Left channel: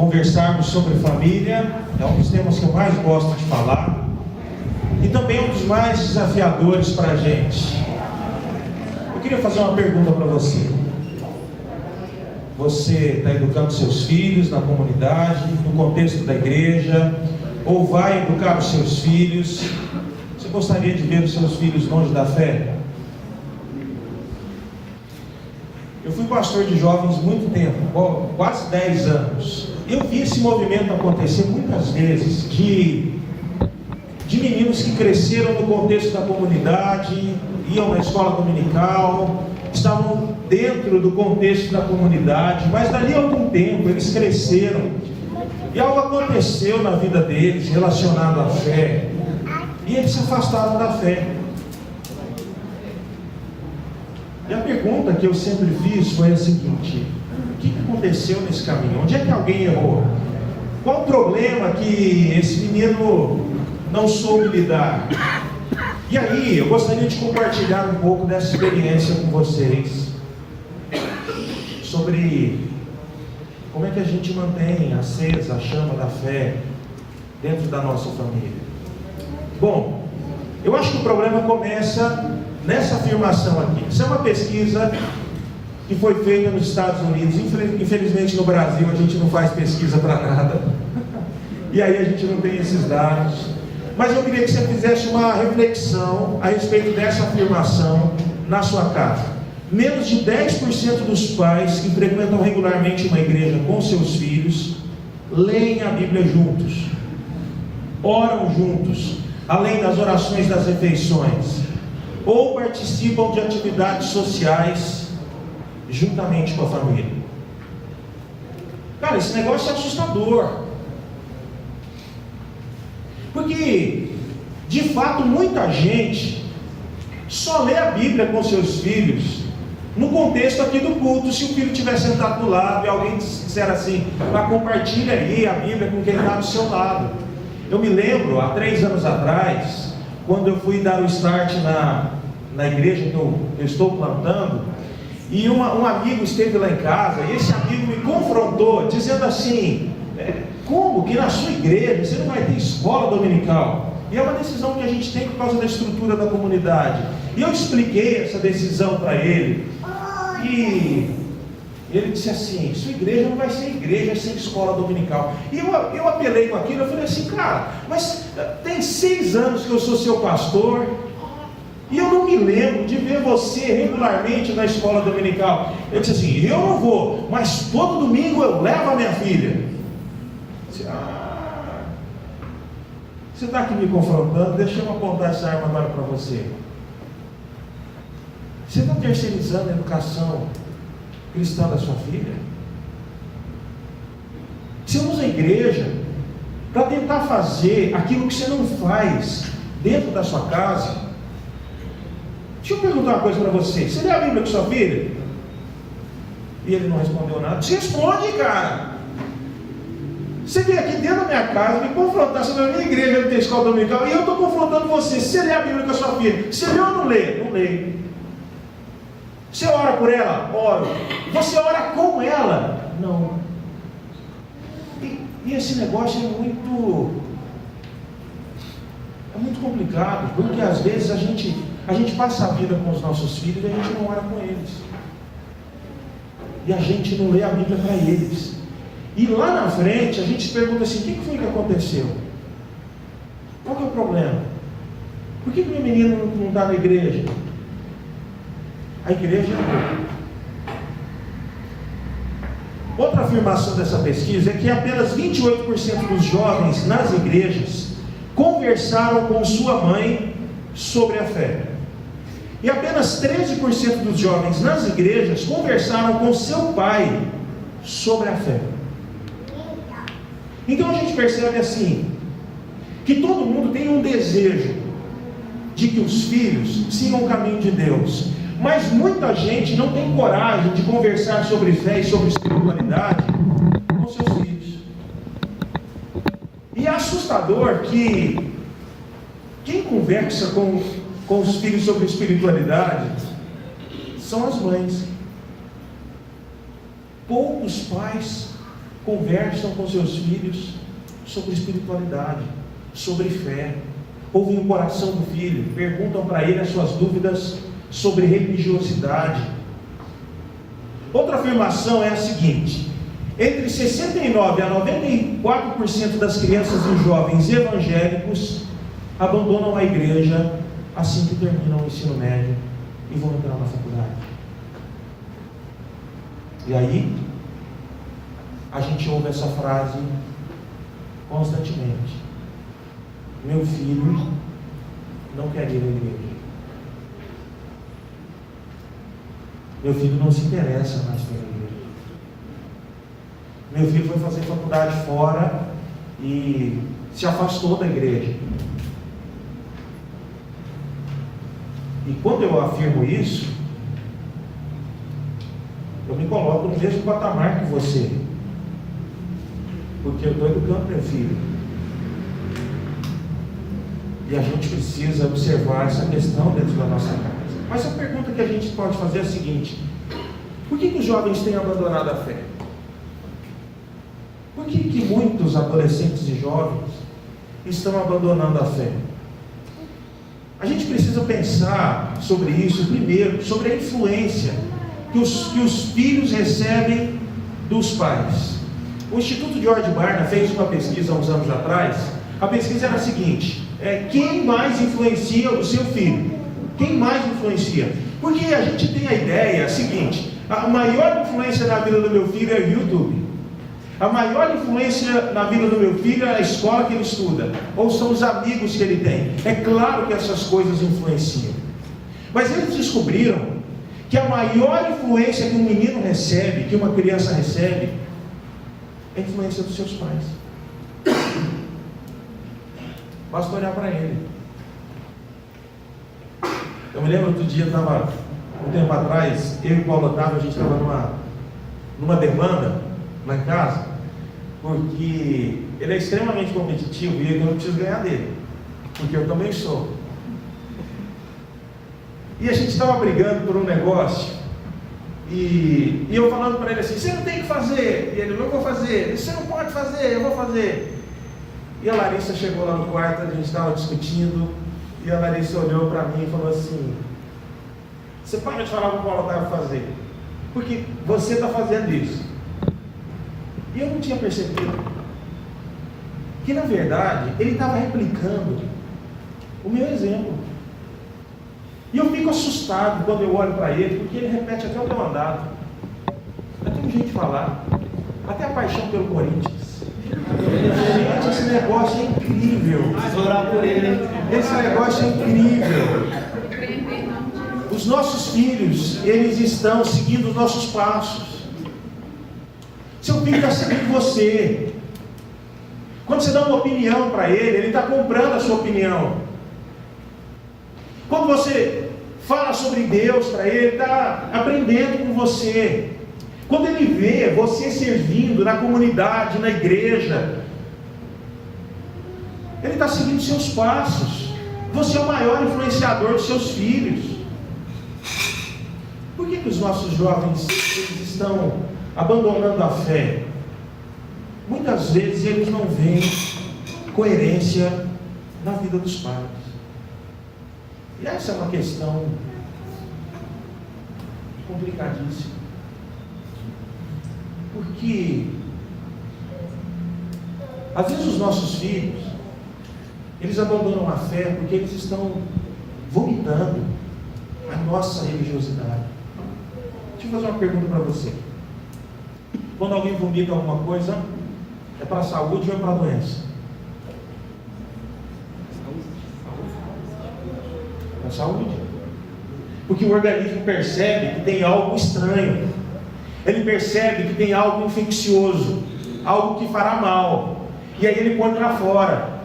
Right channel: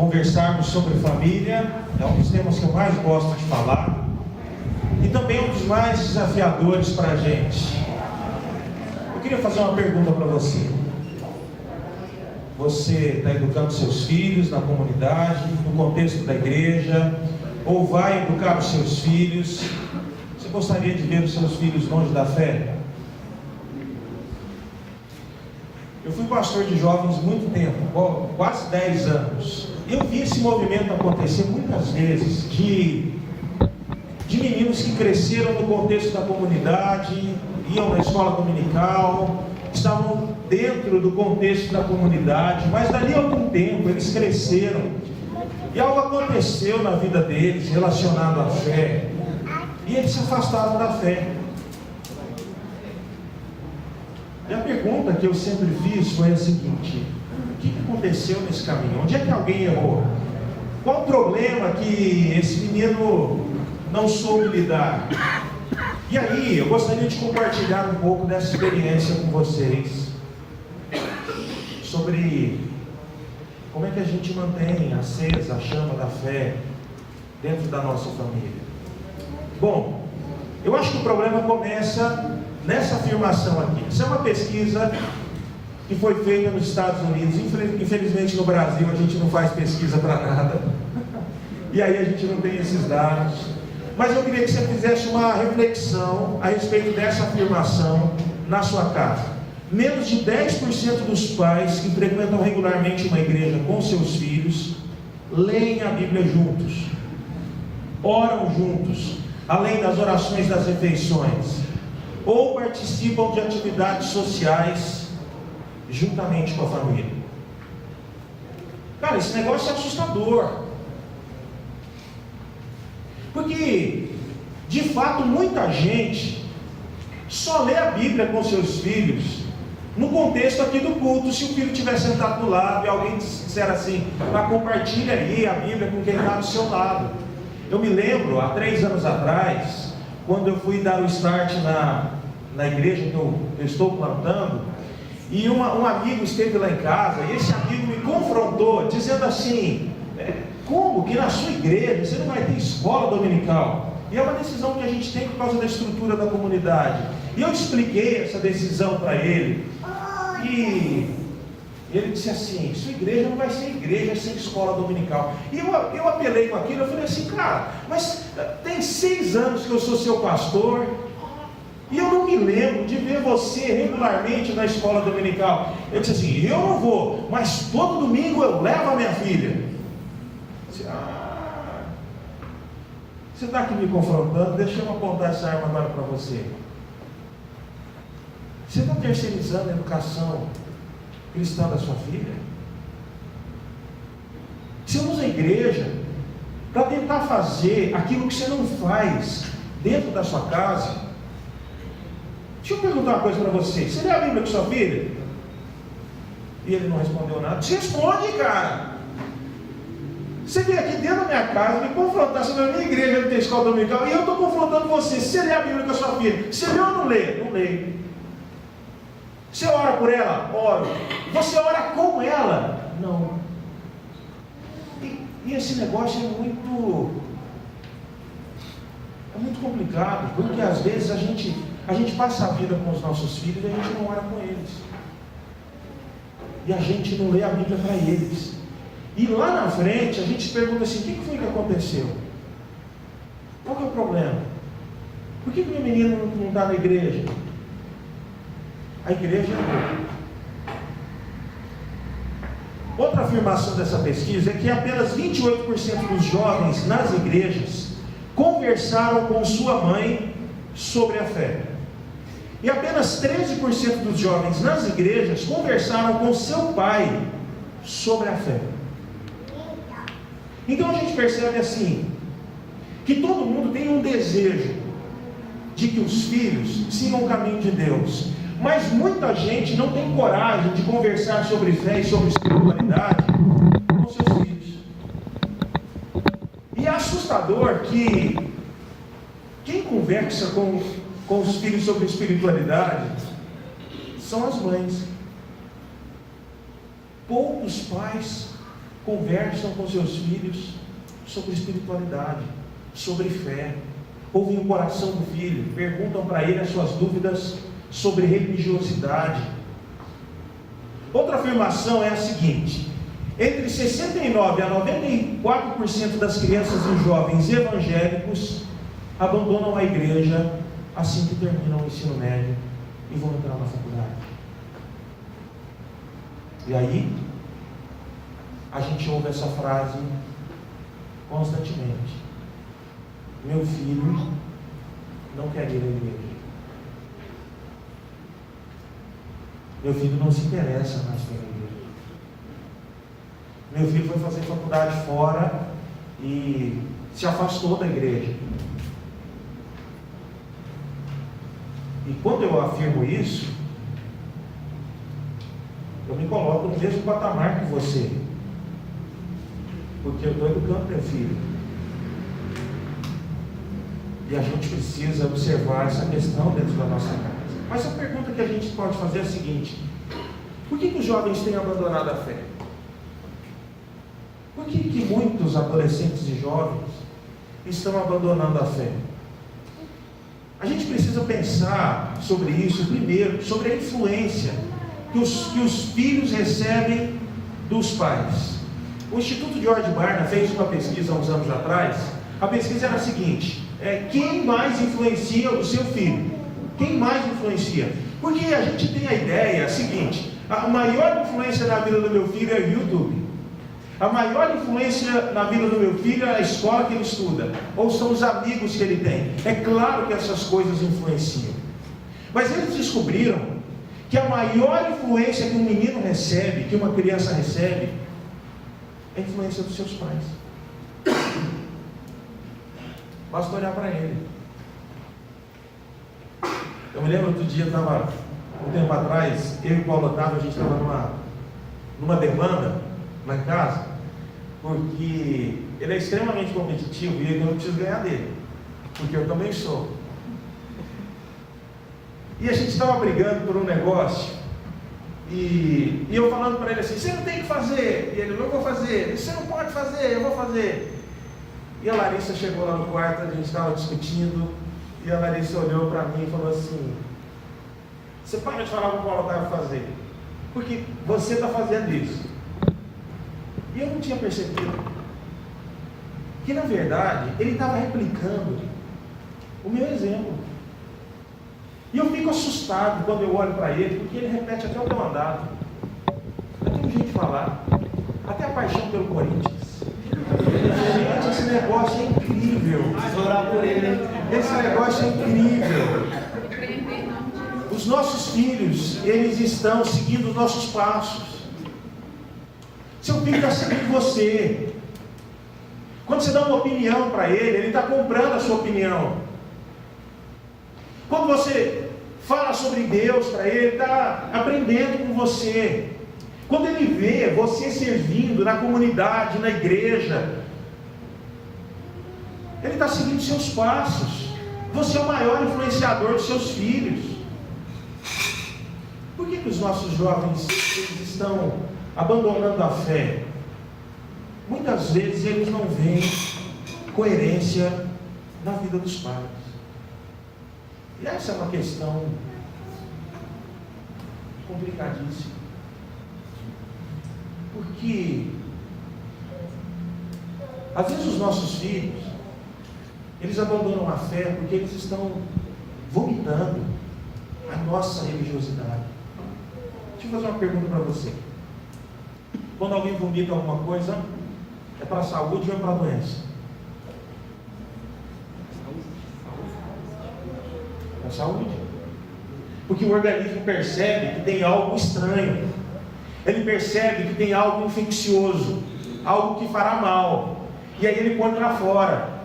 conversarmos sobre família. É um dos temas que eu mais gosto de falar e também um dos mais desafiadores para a gente. Eu queria fazer uma pergunta para você. Você está educando seus filhos na comunidade, no contexto da igreja, ou vai educar os seus filhos? Você gostaria de ver os seus filhos longe da fé? Eu fui pastor de jovens muito tempo, quase 10 anos. Eu vi esse movimento acontecer muitas vezes, de meninos que cresceram no contexto da comunidade, iam na escola dominical, estavam dentro do contexto da comunidade, mas dali a algum tempo eles cresceram e algo aconteceu na vida deles relacionado à fé, e eles se afastaram da fé. E a pergunta que eu sempre fiz foi a seguinte: o que aconteceu nesse caminho? Onde é que alguém errou? Qual o problema que esse menino não soube lidar? E aí, eu gostaria de compartilhar um pouco dessa experiência com vocês, sobre como é que a gente mantém acesa a chama da fé dentro da nossa família. Bom, eu acho que o problema começa nessa afirmação aqui. Isso é uma pesquisa que foi feita nos Estados Unidos. Infelizmente no Brasil a gente não faz pesquisa para nada, e aí a gente não tem esses dados. Mas eu queria que você fizesse uma reflexão a respeito dessa afirmação na sua casa. Menos de 10% dos pais que frequentam regularmente uma igreja com seus filhos leem a Bíblia juntos, oram juntos, além das orações das refeições, ou participam de atividades sociais juntamente com a família. Cara, esse negócio é assustador. Porque, de fato, muita gente só lê a Bíblia com seus filhos no contexto aqui do culto. Se o filho estiver sentado do lado e alguém disser assim: compartilha aí a Bíblia com quem está do seu lado. Eu me lembro, há 3 anos atrás, quando eu fui dar o start na igreja que eu estou plantando, e um amigo esteve lá em casa, e esse amigo me confrontou, dizendo assim: como que na sua igreja você não vai ter escola dominical? E é uma decisão que a gente tem por causa da estrutura da comunidade. E eu expliquei essa decisão para ele, e ele disse assim: sua igreja não vai ser igreja sem escola dominical. E eu apelei com aquilo. Eu falei assim: cara, mas tem 6 anos que eu sou seu pastor, e eu não me lembro de ver você regularmente na escola dominical. Eu disse assim: eu não vou, mas todo domingo eu levo a minha filha. Você está aqui me confrontando, deixa eu apontar essa arma agora para você. Você está terceirizando a educação cristã da sua filha? Você usa a igreja para tentar fazer aquilo que você não faz dentro da sua casa? Deixa eu perguntar uma coisa para você: você lê a Bíblia com sua filha? E ele não respondeu nada. Você responde, cara. Você veio aqui dentro da minha casa me confrontar sobre a minha igreja, não tem escola dominical, e eu estou confrontando você. Você lê a Bíblia com a sua filha? Você lê ou não lê? Não lê. Você ora por ela? Oro. Você ora com ela? Não. E esse negócio é muito complicado, porque às vezes a gente passa a vida com os nossos filhos e a gente não ora com eles. E a gente não lê a Bíblia para eles. E lá na frente a gente se pergunta assim: o que foi que aconteceu? Qual que é o problema? Por que meu menino não está na igreja? A igreja é boa. Outra afirmação dessa pesquisa é que apenas 28% dos jovens nas igrejas conversaram com sua mãe sobre a fé. E apenas 13% dos jovens nas igrejas conversaram com seu pai sobre a fé. Então a gente percebe assim, que todo mundo tem um desejo de que os filhos sigam o caminho de Deus, mas muita gente não tem coragem de conversar sobre fé e sobre espiritualidade com seus filhos. E é assustador que quem conversa com os filhos sobre espiritualidade são as mães. Poucos pais conversam com seus filhos sobre espiritualidade, sobre fé, ouvem o coração do filho, perguntam para ele as suas dúvidas sobre religiosidade. Outra afirmação é a seguinte: entre 69% a 94% das crianças e jovens evangélicos abandonam a igreja assim que terminam o ensino médio e vão entrar na faculdade. E aí, a gente ouve essa frase constantemente: meu filho não quer ir à igreja. Meu filho não se interessa mais pela igreja. Meu filho foi fazer faculdade fora e se afastou da igreja. E quando eu afirmo isso, eu me coloco no mesmo patamar que você, porque eu estou educando meu filho. E a gente precisa observar essa questão dentro da nossa casa. Mas a pergunta que a gente pode fazer é a seguinte: por que os jovens têm abandonado a fé? Por que muitos adolescentes e jovens estão abandonando a fé? A gente precisa pensar sobre isso primeiro, sobre a influência que os filhos recebem dos pais. O Instituto George Barna fez uma pesquisa há uns anos atrás. A pesquisa era a seguinte: quem mais influencia o seu filho? Quem mais influencia? Porque a gente tem a ideia seguinte: a maior influência na vida do meu filho é o YouTube. A maior influência na vida do meu filho é a escola que ele estuda, ou são os amigos que ele tem. É claro que essas coisas influenciam. Mas eles descobriram que a maior influência que um menino recebe, que uma criança recebe, é a influência dos seus pais. Basta olhar para ele. Eu me lembro outro dia, um tempo atrás, eu e o Paulo Otávio, a gente estava numa demanda na casa, porque ele é extremamente competitivo e eu não preciso ganhar dele, porque eu também sou. E a gente estava brigando por um negócio, e eu falando para ele assim: você não tem que fazer. E ele: eu vou fazer. Você não pode fazer, eu vou fazer. E a Larissa chegou lá no quarto, a gente estava discutindo, e a Larissa olhou para mim e falou assim: você para de falar para o Paulo Otávio fazer, porque você está fazendo isso. E eu não tinha percebido que, na verdade, ele estava replicando o meu exemplo. E eu fico assustado quando eu olho para ele, porque ele repete até o meu andado. É tão jeito de falar. Até a paixão pelo Corinthians. Gente, esse negócio é incrível. Esse negócio é incrível. Os nossos filhos, eles estão seguindo os nossos passos. Seu filho está seguindo você. Quando você dá uma opinião para ele está comprando a sua opinião. Quando você fala sobre Deus para ele está aprendendo com você. Quando ele vê você servindo na comunidade, na igreja, ele está seguindo seus passos. Você é o maior influenciador dos seus filhos. Por que os nossos jovens eles estão abandonando a fé? Muitas vezes eles não veem coerência na vida dos pais. E essa é uma questão complicadíssima. Porque às vezes os nossos filhos, eles abandonam a fé porque eles estão vomitando a nossa religiosidade. Deixa eu fazer uma pergunta para você. Quando alguém vomita alguma coisa, é para a saúde ou é para a doença? É a saúde. Porque o organismo percebe que tem algo estranho. Ele percebe que tem algo infeccioso, algo que fará mal. E aí ele põe para fora.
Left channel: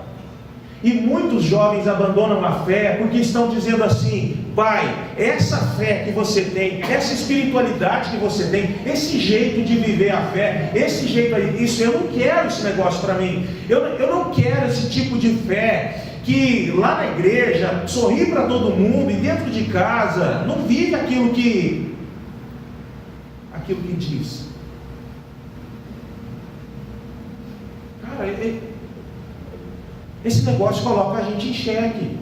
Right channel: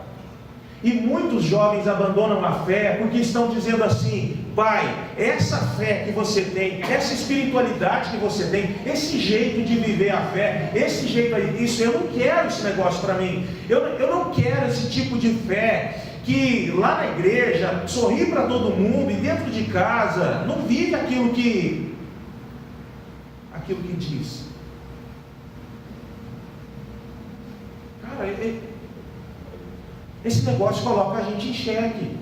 E muitos jovens abandonam a fé porque estão dizendo assim: pai, essa fé que você tem, essa espiritualidade que você tem, esse jeito de viver a fé, esse jeito aí, isso, eu não quero esse negócio para mim. Eu não quero esse tipo de fé que lá na igreja sorri para todo mundo e dentro de casa não vive aquilo que diz. esse negócio coloca a gente em xeque.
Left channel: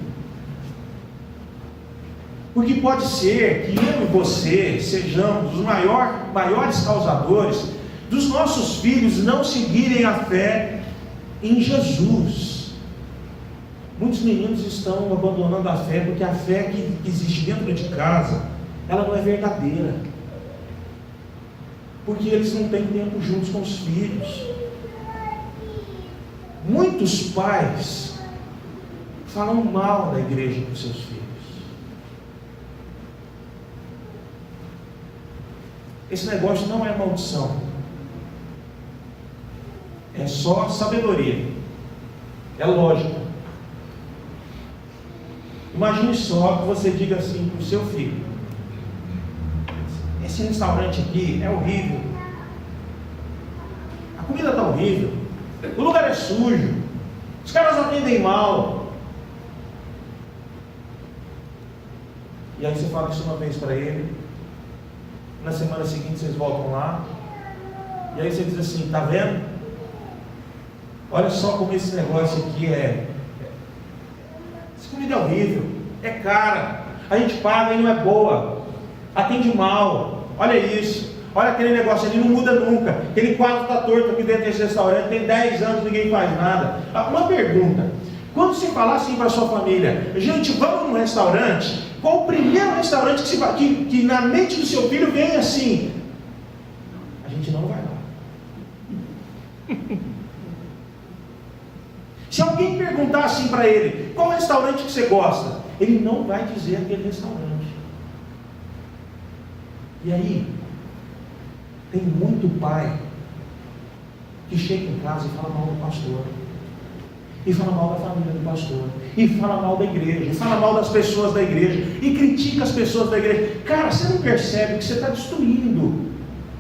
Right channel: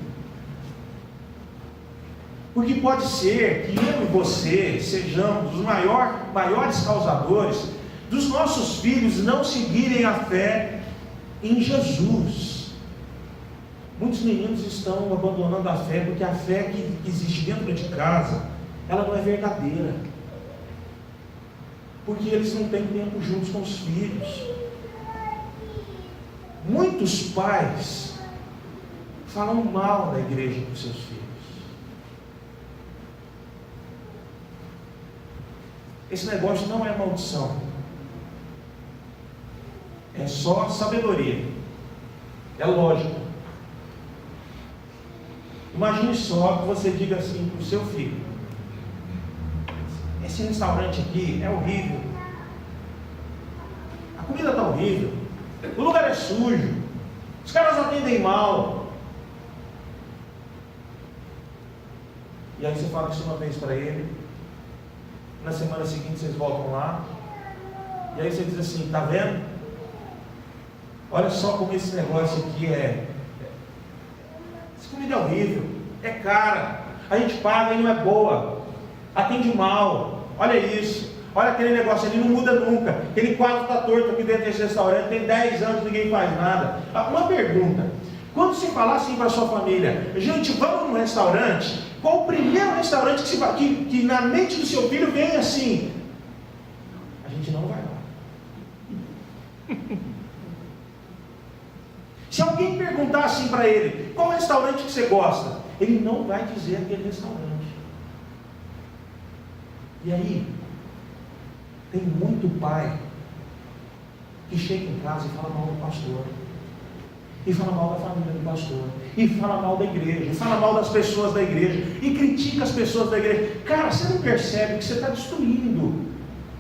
Porque pode ser que eu e você sejamos os maiores causadores dos nossos filhos não seguirem a fé em Jesus. Muitos meninos estão abandonando a fé porque a fé que existe dentro de casa, ela não é verdadeira. Porque eles não têm tempo juntos com os filhos. Muitos pais falam mal da igreja para os seus filhos. Esse negócio não é maldição. É só sabedoria. É lógica. Imagine só que você diga assim para o seu filho: esse restaurante aqui é horrível. A comida está horrível. O lugar é sujo. Os caras atendem mal. E aí você fala isso uma vez para ele. Na semana seguinte vocês voltam lá. E aí você diz assim: tá vendo? Olha só como esse negócio aqui é. Essa comida é horrível. É cara. A gente paga e não é boa. Atende mal. Olha isso. Olha aquele negócio ali, não muda nunca. Aquele quadro está torto aqui dentro desse restaurante. Tem 10 anos, ninguém faz nada. Uma pergunta: quando você falar assim para a sua família, gente, vamos num restaurante, qual o primeiro restaurante que na mente do seu filho vem assim? A gente não vai lá. Se alguém perguntar assim para ele: qual restaurante que você gosta? Ele não vai dizer aquele restaurante. E aí, tem muito pai que chega em casa e fala mal do pastor, e fala mal da família do pastor, e fala mal da igreja, e fala mal das pessoas da igreja, e critica as pessoas da igreja. Cara, você não percebe que você está destruindo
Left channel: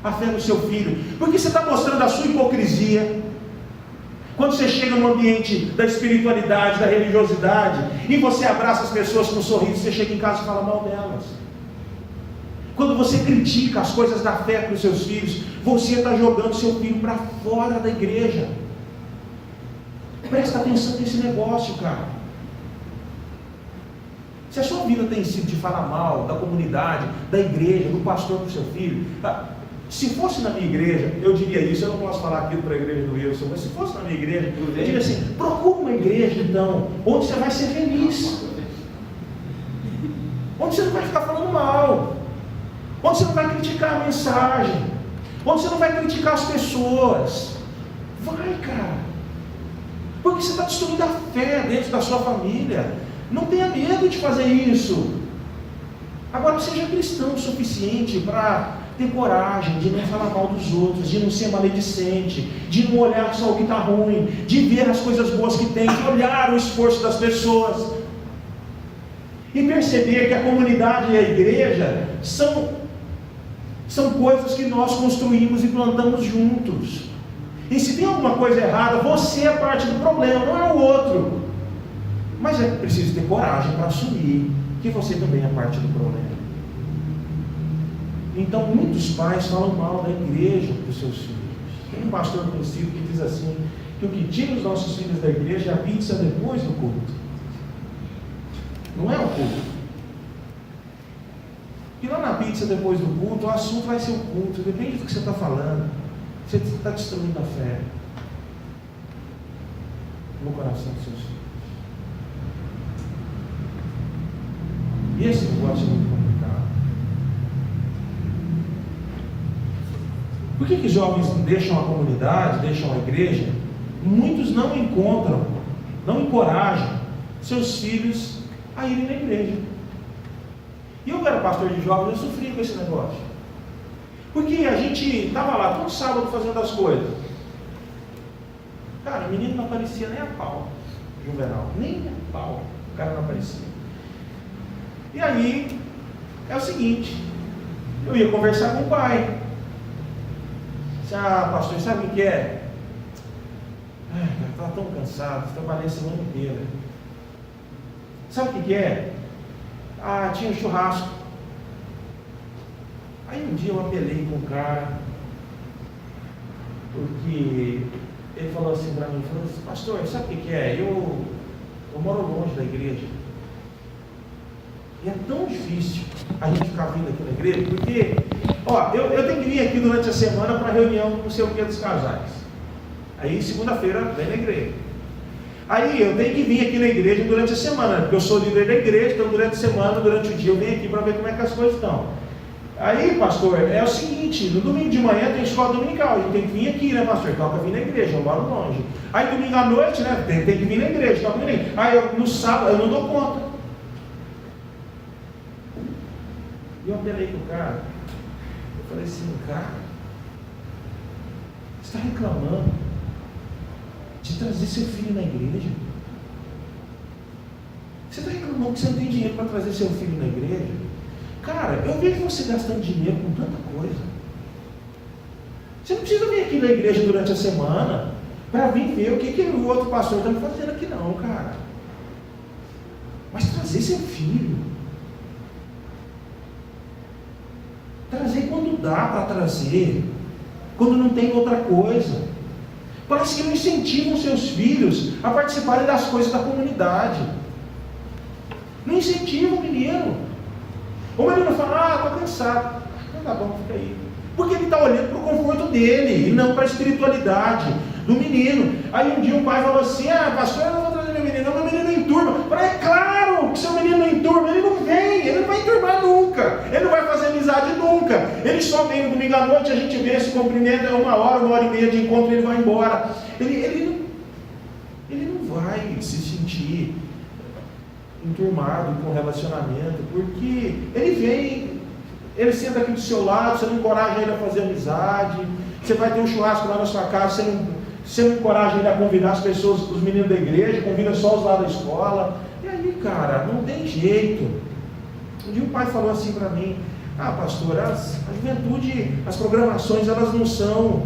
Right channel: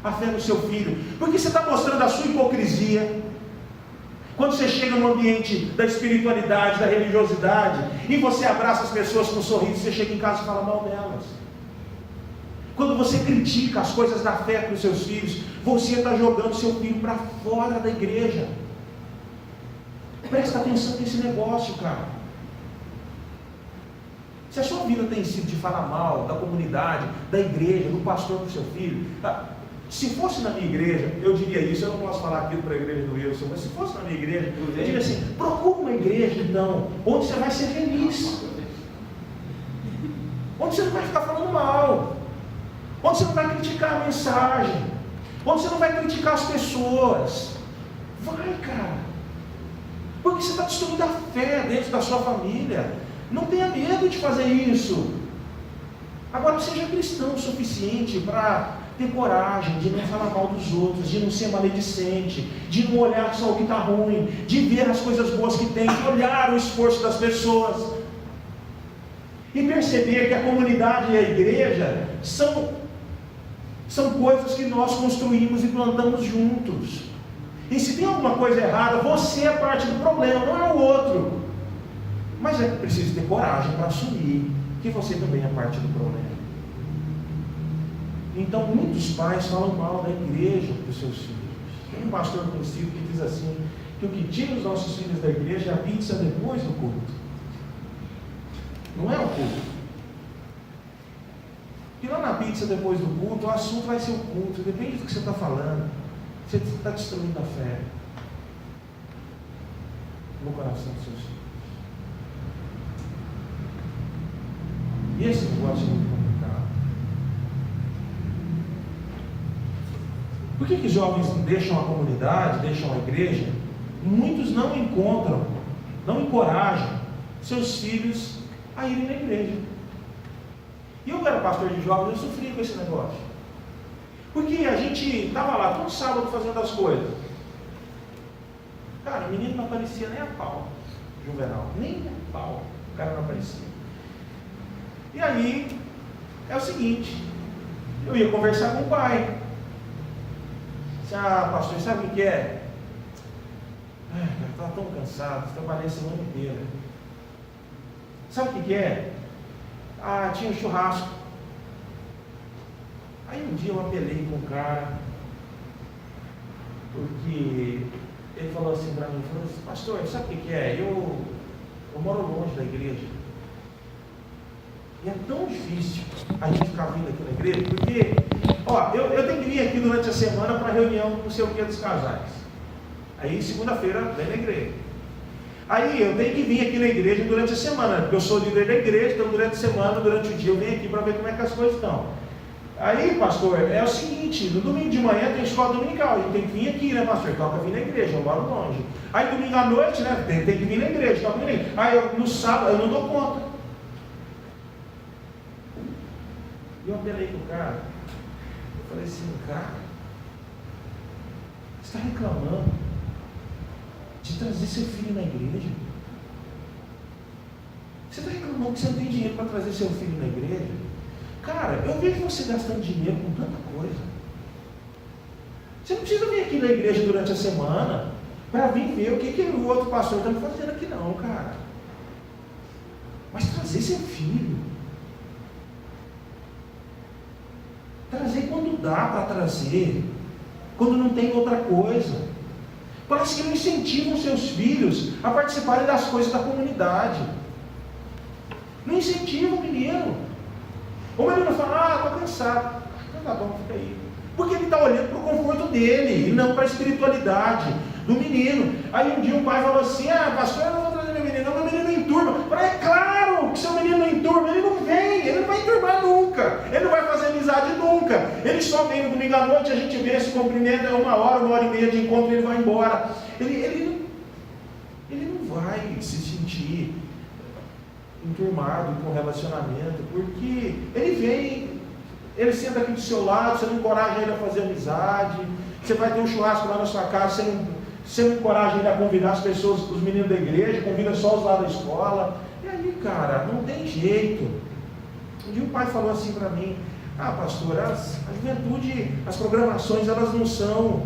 a fé do seu filho, porque você está mostrando a sua hipocrisia. Quando você chega no ambiente da espiritualidade, da religiosidade, e você abraça as pessoas com um sorriso, você chega em casa e fala mal delas. Quando você critica as coisas da fé para os seus filhos, você está jogando seu filho para fora da igreja. Presta atenção nesse negócio, cara. Se a sua vida tem sido de falar mal da comunidade, da igreja, do pastor para o seu filho, tá? Se fosse na minha igreja, eu diria isso. Eu não posso falar aquilo para a igreja do Wilson, mas se fosse na minha igreja, eu diria assim: procura uma igreja então, onde você vai ser feliz, onde você não vai ficar falando mal, onde você não vai criticar a mensagem, onde você não vai criticar as pessoas. Vai, cara, porque você está destruindo a fé dentro da sua família. Não tenha medo de fazer isso. Agora, seja cristão o suficiente para ter coragem de não falar mal dos outros, de não ser maledicente, de não olhar só o que está ruim, de ver as coisas boas que tem, de olhar o esforço das pessoas e perceber que a comunidade e a igreja são coisas que nós construímos e plantamos juntos. E se tem alguma coisa errada, você é parte do problema, não é o outro. Mas é preciso ter coragem para assumir que você também é parte do problema. Então muitos pais falam mal da igreja para os seus filhos. Tem um pastor conhecido que diz assim, que o que tira os nossos filhos da igreja é a pizza depois do culto. Não é o culto. E lá na pizza depois do culto, o assunto vai ser o culto, depende do que você está falando. Você está destruindo a fé no coração dos seus filhos. E esse negócio é muito complicado. Por que jovens deixam a comunidade, deixam a igreja? Muitos não encontram, não encorajam seus filhos a irem na igreja. E eu era pastor de jovens, eu sofri com esse negócio. Porque a gente estava lá todo sábado fazendo as coisas. Cara, o menino não aparecia nem a pau, Juvenal, nem a pau, o cara não aparecia. E aí, é o seguinte, eu ia conversar com o pai. Disse: ah, pastor, sabe o que é? Ai, cara, estava tão cansado, trabalhei a semana inteira. Sabe o que é? Ah, tinha um churrasco. Aí um dia eu apelei com o cara, porque ele falou assim para mim, falou assim, pastor, sabe o que é? Eu moro longe da igreja. E é tão difícil a gente ficar vindo aqui na igreja, porque, eu tenho que vir aqui durante a semana para reunião com não sei o que dos casais. Aí segunda-feira vem na igreja. Aí eu tenho que vir aqui na igreja durante a semana, porque eu sou líder da igreja, então durante a semana, durante o dia eu venho aqui para ver como é que as coisas estão. Aí, pastor, é o seguinte, no domingo de manhã tem escola dominical, a gente tem que vir aqui, né, pastor? Toca vir na igreja, eu moro longe. Aí domingo à noite, né, tem que vir na igreja, toca vir na igreja. Aí no sábado eu não dou conta. E eu apelei pro cara, eu falei assim, cara, você está reclamando de trazer seu filho na igreja? Você está reclamando que você não tem dinheiro para trazer seu filho na igreja? Cara, eu vejo você gastando dinheiro com tanta coisa. Você não precisa vir aqui na igreja durante a semana para vir ver o que o outro pastor está fazendo aqui não, cara. Mas trazer seu filho. Trazer quando dá para trazer. Quando não tem outra coisa. Parece que não incentivam seus filhos a participarem das coisas da comunidade. Não incentivam o menino. O menino fala, estou cansado. Não, tá bom, fica aí. Porque ele está olhando para o conforto dele, e não para a espiritualidade do menino. Aí um dia o pai falou assim, pastor, eu não vou trazer meu menino, não, meu menino não enturma. Eu falei, é claro que seu menino não enturma, ele não vem, ele não vai enturmar nunca, ele não vai fazer amizade nunca. Ele só vem no domingo à noite, a gente vê, se cumprimenta, é 1 hora e meia de encontro, ele vai embora. Ele não vai se sentir enturmado com relacionamento, porque ele vem, ele senta aqui do seu lado, você não encoraja ele a fazer amizade, você vai ter um churrasco lá na sua casa, você não encoraja ele a convidar as pessoas, os meninos da igreja, convida só os lá da escola, e aí, cara, não tem jeito. Um dia o pai falou assim para mim, pastor, a juventude, as programações, elas não são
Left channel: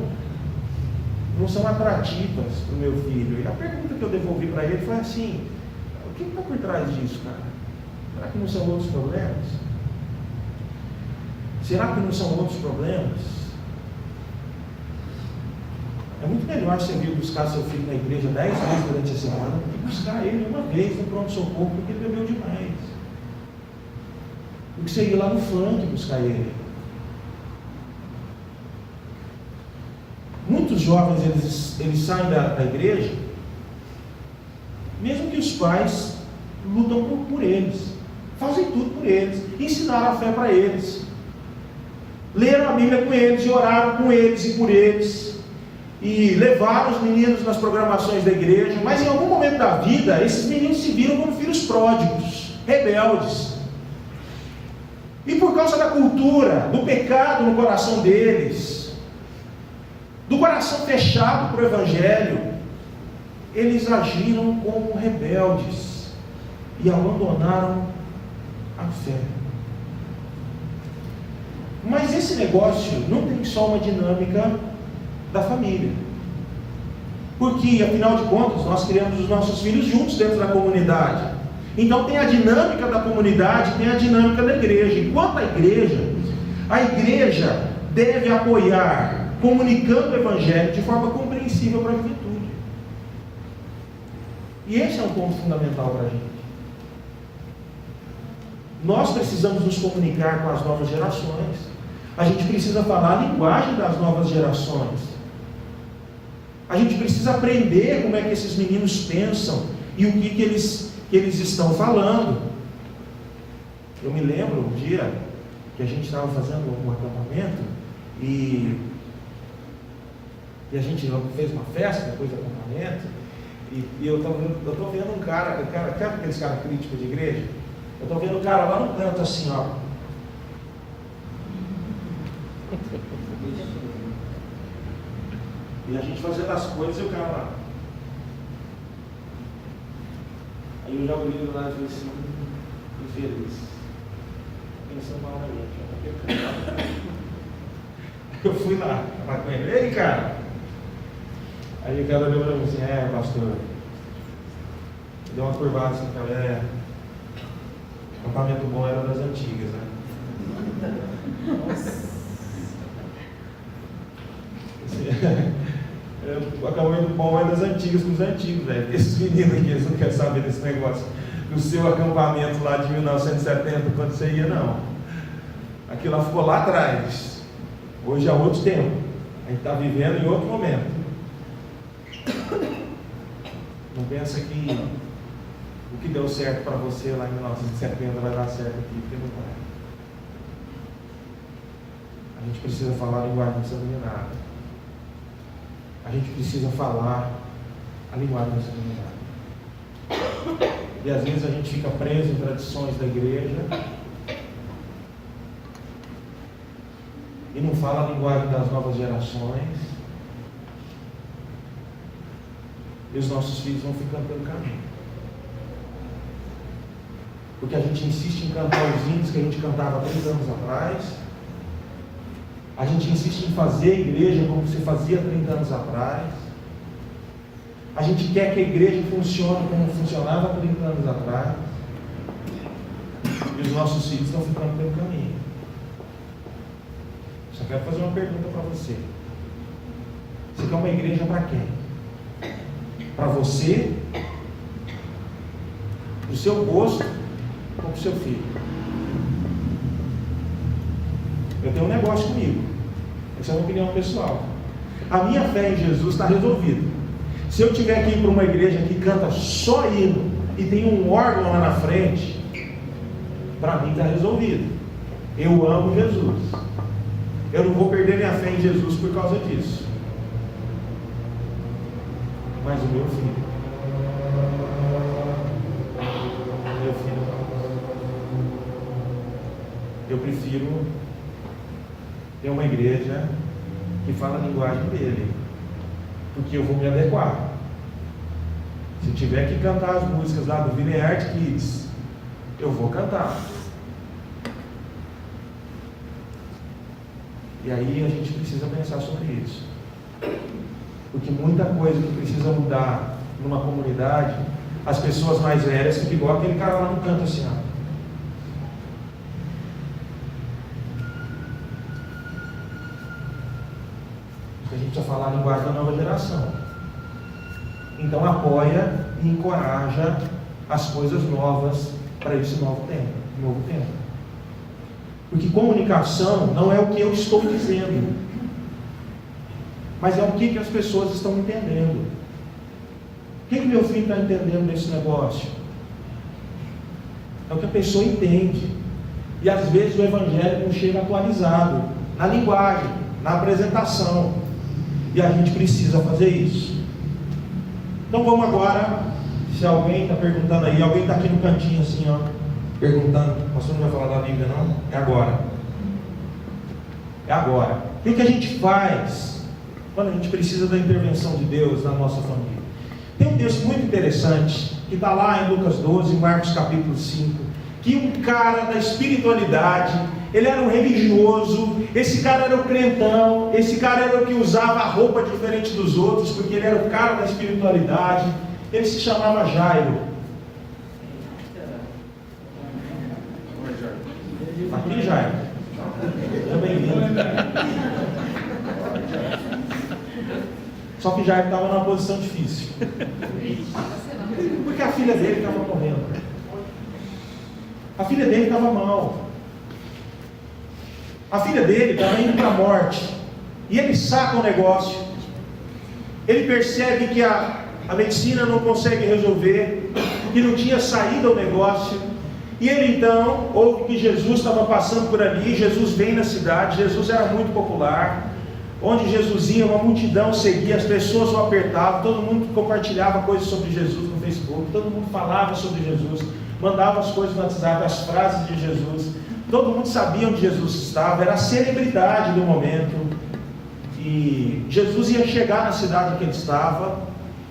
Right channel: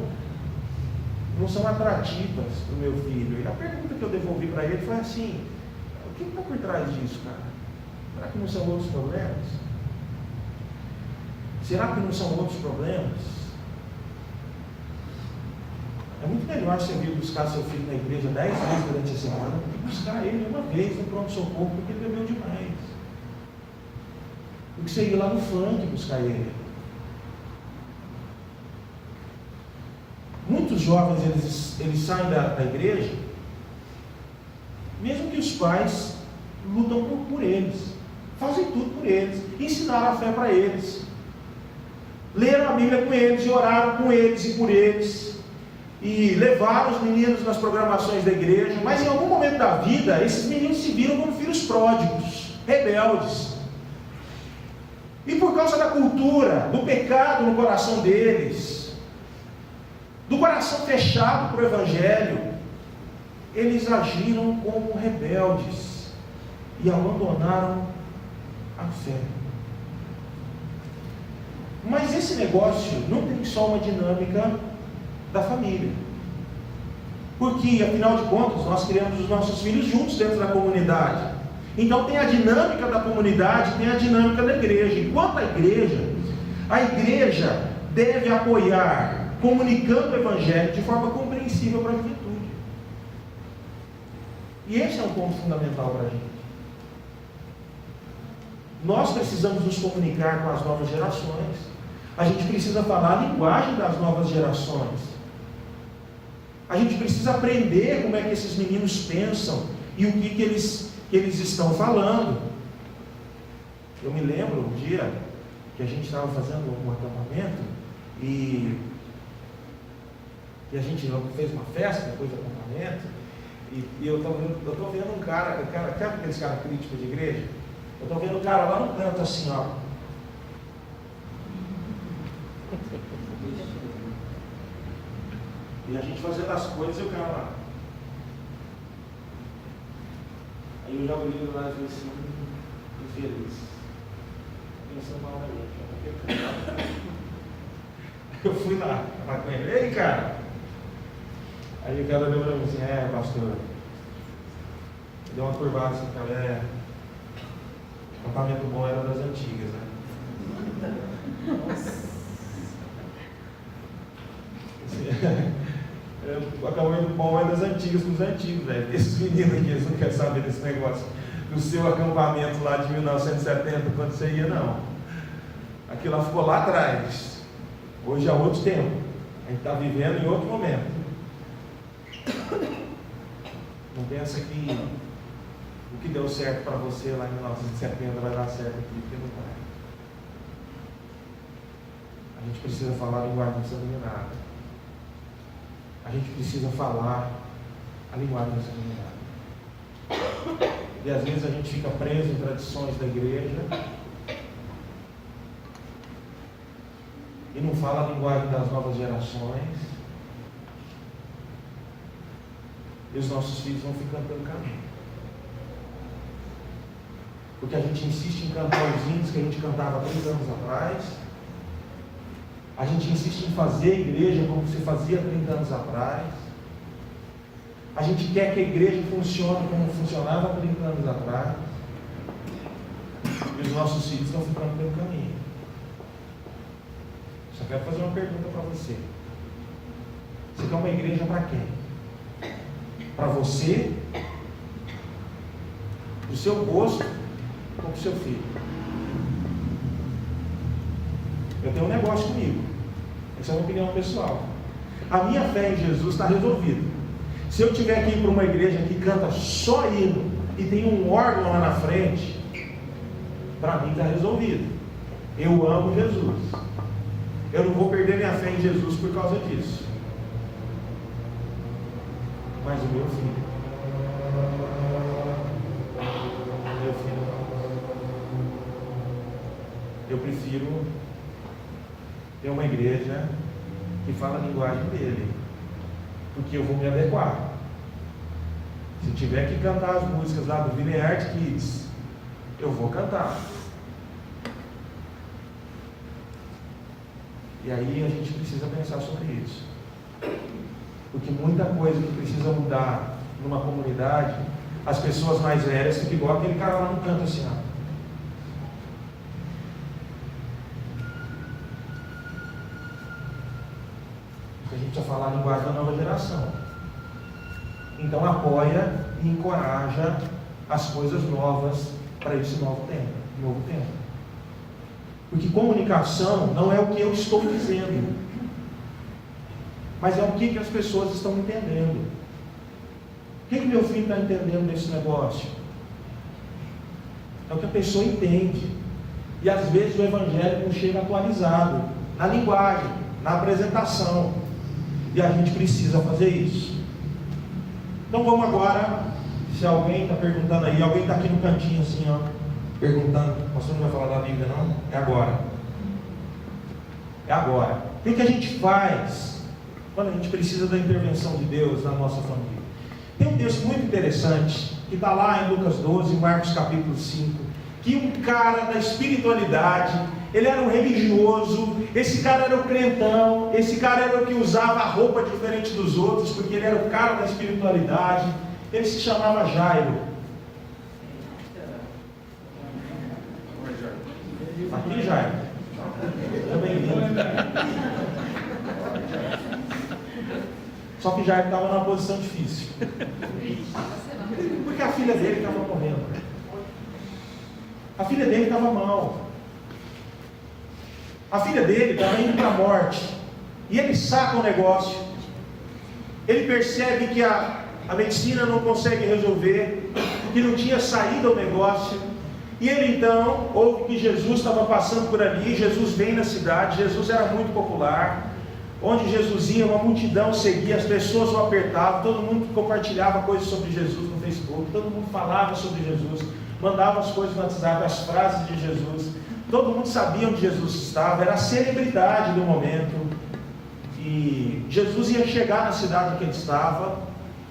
atrativas para o meu filho. E a pergunta que eu devolvi para ele foi assim, o que está por trás disso, cara? Será que não são outros problemas? Será que não são outros problemas? É muito melhor você vir buscar seu filho na igreja 10 vezes durante a semana do que buscar ele uma vez no pronto-socorro porque ele bebeu demais. Do que você ir lá no funk buscar ele. Muitos jovens eles saem da igreja, mesmo que os pais lutam por eles, fazem tudo por eles, ensinaram a fé para eles, leram a Bíblia com eles, e oraram com eles e por eles, e levaram os meninos nas programações da igreja, mas em algum momento da vida, esses meninos se viram como filhos pródigos, rebeldes, e por causa da cultura, do pecado no coração deles, do coração fechado para o Evangelho, eles agiram como rebeldes e abandonaram a fé. Mas esse negócio não tem só uma dinâmica da família, porque afinal de contas nós criamos os nossos filhos juntos dentro da comunidade. Então tem a dinâmica da comunidade, tem a dinâmica da igreja. Enquanto a igreja deve apoiar, comunicando o Evangelho de forma compreensível para a juventude. E esse é um ponto fundamental para a gente. Nós precisamos nos comunicar com as novas gerações. A gente precisa falar a linguagem das novas gerações. A gente precisa aprender como é que esses meninos pensam e o que eles estão falando. Eu me lembro um dia que a gente estava fazendo um acampamento e a gente fez uma festa depois do acampamento. E eu estou vendo um cara, sabe aqueles caras críticos de igreja? Eu estou vendo um cara lá no canto assim, ó. E a gente fazendo as coisas e o cara lá. Aí eu já olhei lá e falei assim, infeliz. Pensando mal na gente. Eu fui lá, falar com ele, ei cara. Aí o cara olhou para mim assim, pastor, deu uma curvada assim, cara, acampamento bom era das antigas, né? Nossa. a campanha do Paulo é das antigas dos antigos, velho. Esses meninos aqui, eles não querem saber desse negócio do seu acampamento lá de 1970, quando você ia, não. Aquilo lá ficou lá atrás. Hoje é outro tempo. A gente está vivendo em outro momento. Não pensa que o que deu certo para você lá em 1970 vai dar certo aqui, porque não vai. A gente precisa falar a linguagem sanguinária. A gente precisa falar a linguagem sanguinária. E às vezes a gente fica preso em tradições da igreja e não fala a linguagem das novas gerações. E os nossos filhos vão ficando pelo caminho. Porque a gente insiste em cantar os hinos que a gente cantava 3 anos atrás. A gente insiste em fazer a igreja como se fazia 30 anos atrás. A gente quer que a igreja funcione como funcionava 30 anos atrás. E os nossos filhos estão ficando pelo caminho. Só quero fazer uma pergunta para você. Você quer uma igreja para quem? Para você? Para o seu gosto? Ou para o seu filho? Eu tenho um negócio comigo. Essa é a minha opinião pessoal. A minha fé em Jesus está resolvida. Se eu tiver que ir para uma igreja que canta só hino e tem um órgão lá na frente, para mim está resolvido. Eu amo Jesus. Eu não vou perder minha fé em Jesus por causa disso. Mas o meu filho, eu prefiro ter uma igreja que fala a linguagem dele, porque eu vou me adequar. Se tiver que cantar as músicas lá do Vineyard Kids, eu vou cantar. E aí a gente precisa pensar sobre isso, porque muita coisa que precisa mudar numa comunidade, as pessoas mais velhas que igual aquele cara lá no canto assim, ó. A gente precisa falar a linguagem da nova geração. Então apoia e encoraja as coisas novas para esse novo tempo. Porque comunicação não é o que eu estou dizendo, mas é o que as pessoas estão entendendo. O que meu filho está entendendo desse negócio? É o que a pessoa entende. E às vezes o evangelho não chega atualizado na linguagem, na apresentação. E a gente precisa fazer isso. Então vamos agora, se alguém está perguntando aí, alguém está aqui no cantinho assim, ó, perguntando, o pastor não vai falar da Bíblia não? É agora. É agora. E o que a gente faz quando a gente precisa da intervenção de Deus na nossa família? Tem um texto muito interessante, que está lá em Lucas 12, Marcos capítulo 5, que um cara da espiritualidade, ele era um religioso, esse cara era o crentão, esse cara era o que usava a roupa diferente dos outros, porque ele era o cara da espiritualidade, ele se chamava Jairo. Aqui, Jairo? Seja bem-vindo. Só que Jairo estava numa posição difícil, porque a filha dele estava morrendo. A filha dele estava mal. A filha dele estava indo para a morte. E ele saca o negócio. Ele percebe que a medicina não consegue resolver, que não tinha saída ao negócio. E ele então ouve que Jesus estava passando por ali. Jesus vem na cidade. Jesus era muito popular. Onde Jesus ia, uma multidão seguia, as pessoas o apertavam, todo mundo compartilhava coisas sobre Jesus no Facebook, todo mundo falava sobre Jesus, mandava as coisas no WhatsApp, as frases de Jesus, todo mundo sabia onde Jesus estava, era a celebridade do momento. E Jesus ia chegar na cidade em que ele estava,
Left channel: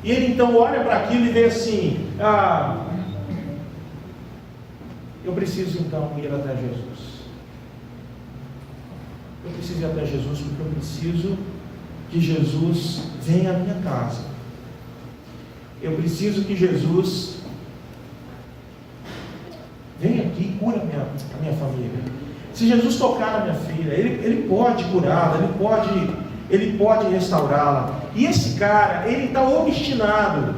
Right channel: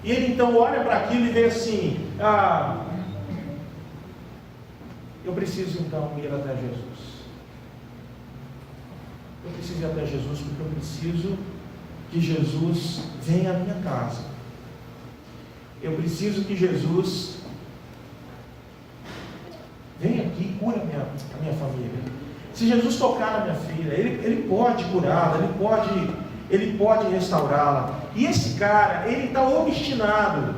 e ele então olha para aquilo e vê assim: eu preciso então ir até Jesus. Eu preciso ir até Jesus porque eu preciso que Jesus venha à minha casa. Eu preciso que Jesus venha aqui e cure a minha família. Se Jesus tocar na minha filha, Ele pode curá-la, Ele pode restaurá-la. E esse cara, ele está obstinado.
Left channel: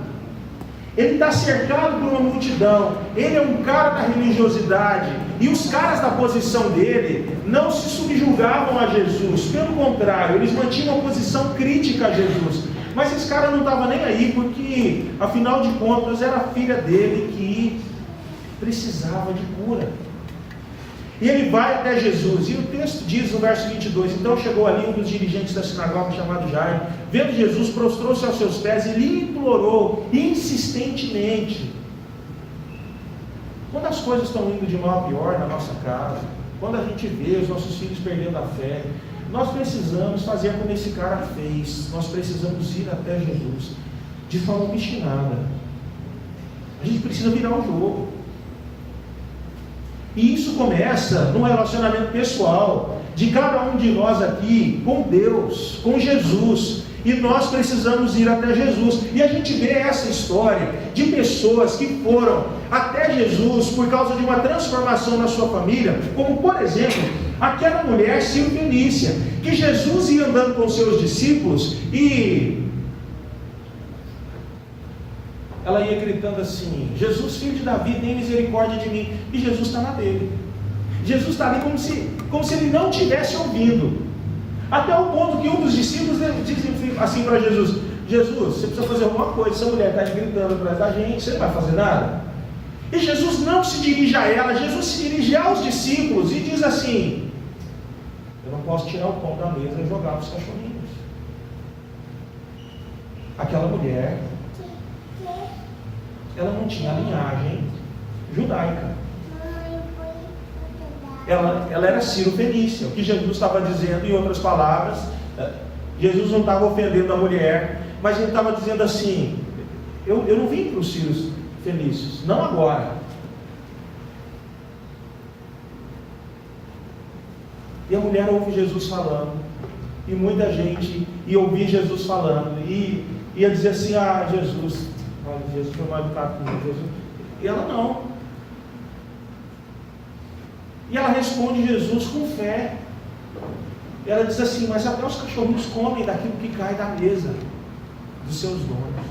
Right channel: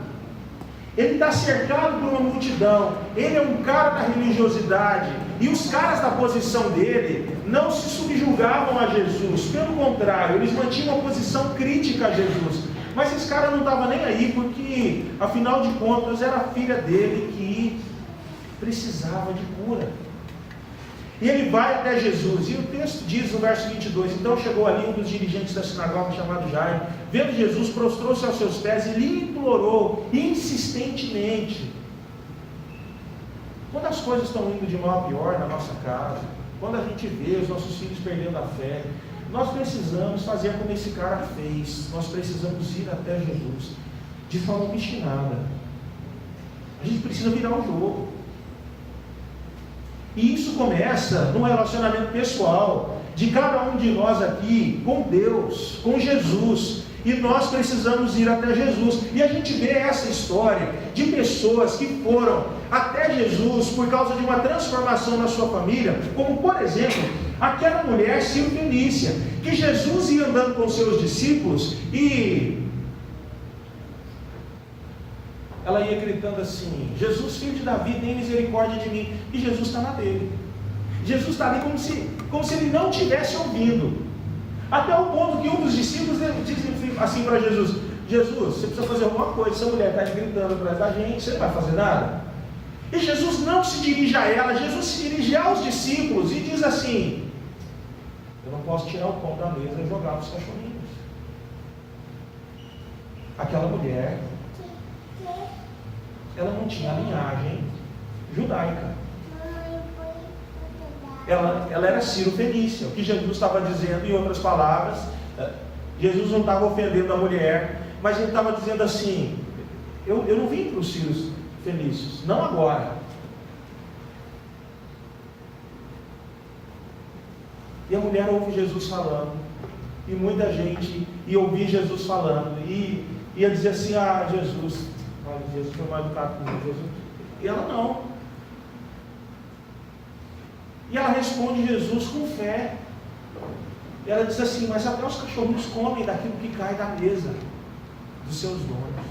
Ele está cercado por uma multidão. Ele é um cara da religiosidade. E os caras da posição dele não se subjugavam a Jesus. Pelo contrário, eles mantinham uma posição crítica a Jesus. Mas esse cara não estava nem aí, porque, afinal de contas, era a filha dele que precisava de cura. E ele vai até Jesus, e o texto diz no verso 22, então chegou ali um dos dirigentes da sinagoga chamado Jairo, vendo Jesus, prostrou-se aos seus pés e lhe implorou insistentemente. Quando as coisas estão indo de mal a pior na nossa casa, quando a gente vê os nossos filhos perdendo a fé, nós precisamos fazer como esse cara fez, nós precisamos ir até Jesus, de forma obstinada. A gente precisa virar o jogo. E isso começa no relacionamento pessoal de cada um de nós aqui com Deus, com Jesus. E nós precisamos ir até Jesus. E a gente vê essa história de pessoas que foram até Jesus por causa de uma transformação na sua família, como por exemplo, aquela mulher Cirofenícia, que Jesus ia andando com seus discípulos e ela ia gritando assim: Jesus, filho de Davi, tem misericórdia de mim. E Jesus está na dele. Jesus está ali como se ele não tivesse ouvindo. Até o ponto que um dos discípulos disse assim para Jesus: Jesus, você precisa fazer alguma coisa. Essa mulher está gritando atrás da gente, você não vai fazer nada? E Jesus não se dirige a ela, Jesus se dirige aos discípulos e diz assim: eu não posso tirar o pão da mesa e jogar para os cachorrinhos. Aquela mulher, ela não tinha linhagem judaica. Ela era Cirofenícia. O que Jesus estava dizendo, em outras palavras, Jesus não estava ofendendo a mulher, mas ele estava dizendo assim: eu não vim para os Cirofenícios, não agora. E a mulher ouve Jesus falando, e muita gente ia ouvir Jesus falando, e ia dizer assim: ah, Jesus foi mal educado comigo, Jesus. E ela não. E ela responde Jesus com fé. E ela diz assim: mas até os cachorrinhos comem daquilo que cai da mesa dos seus donos.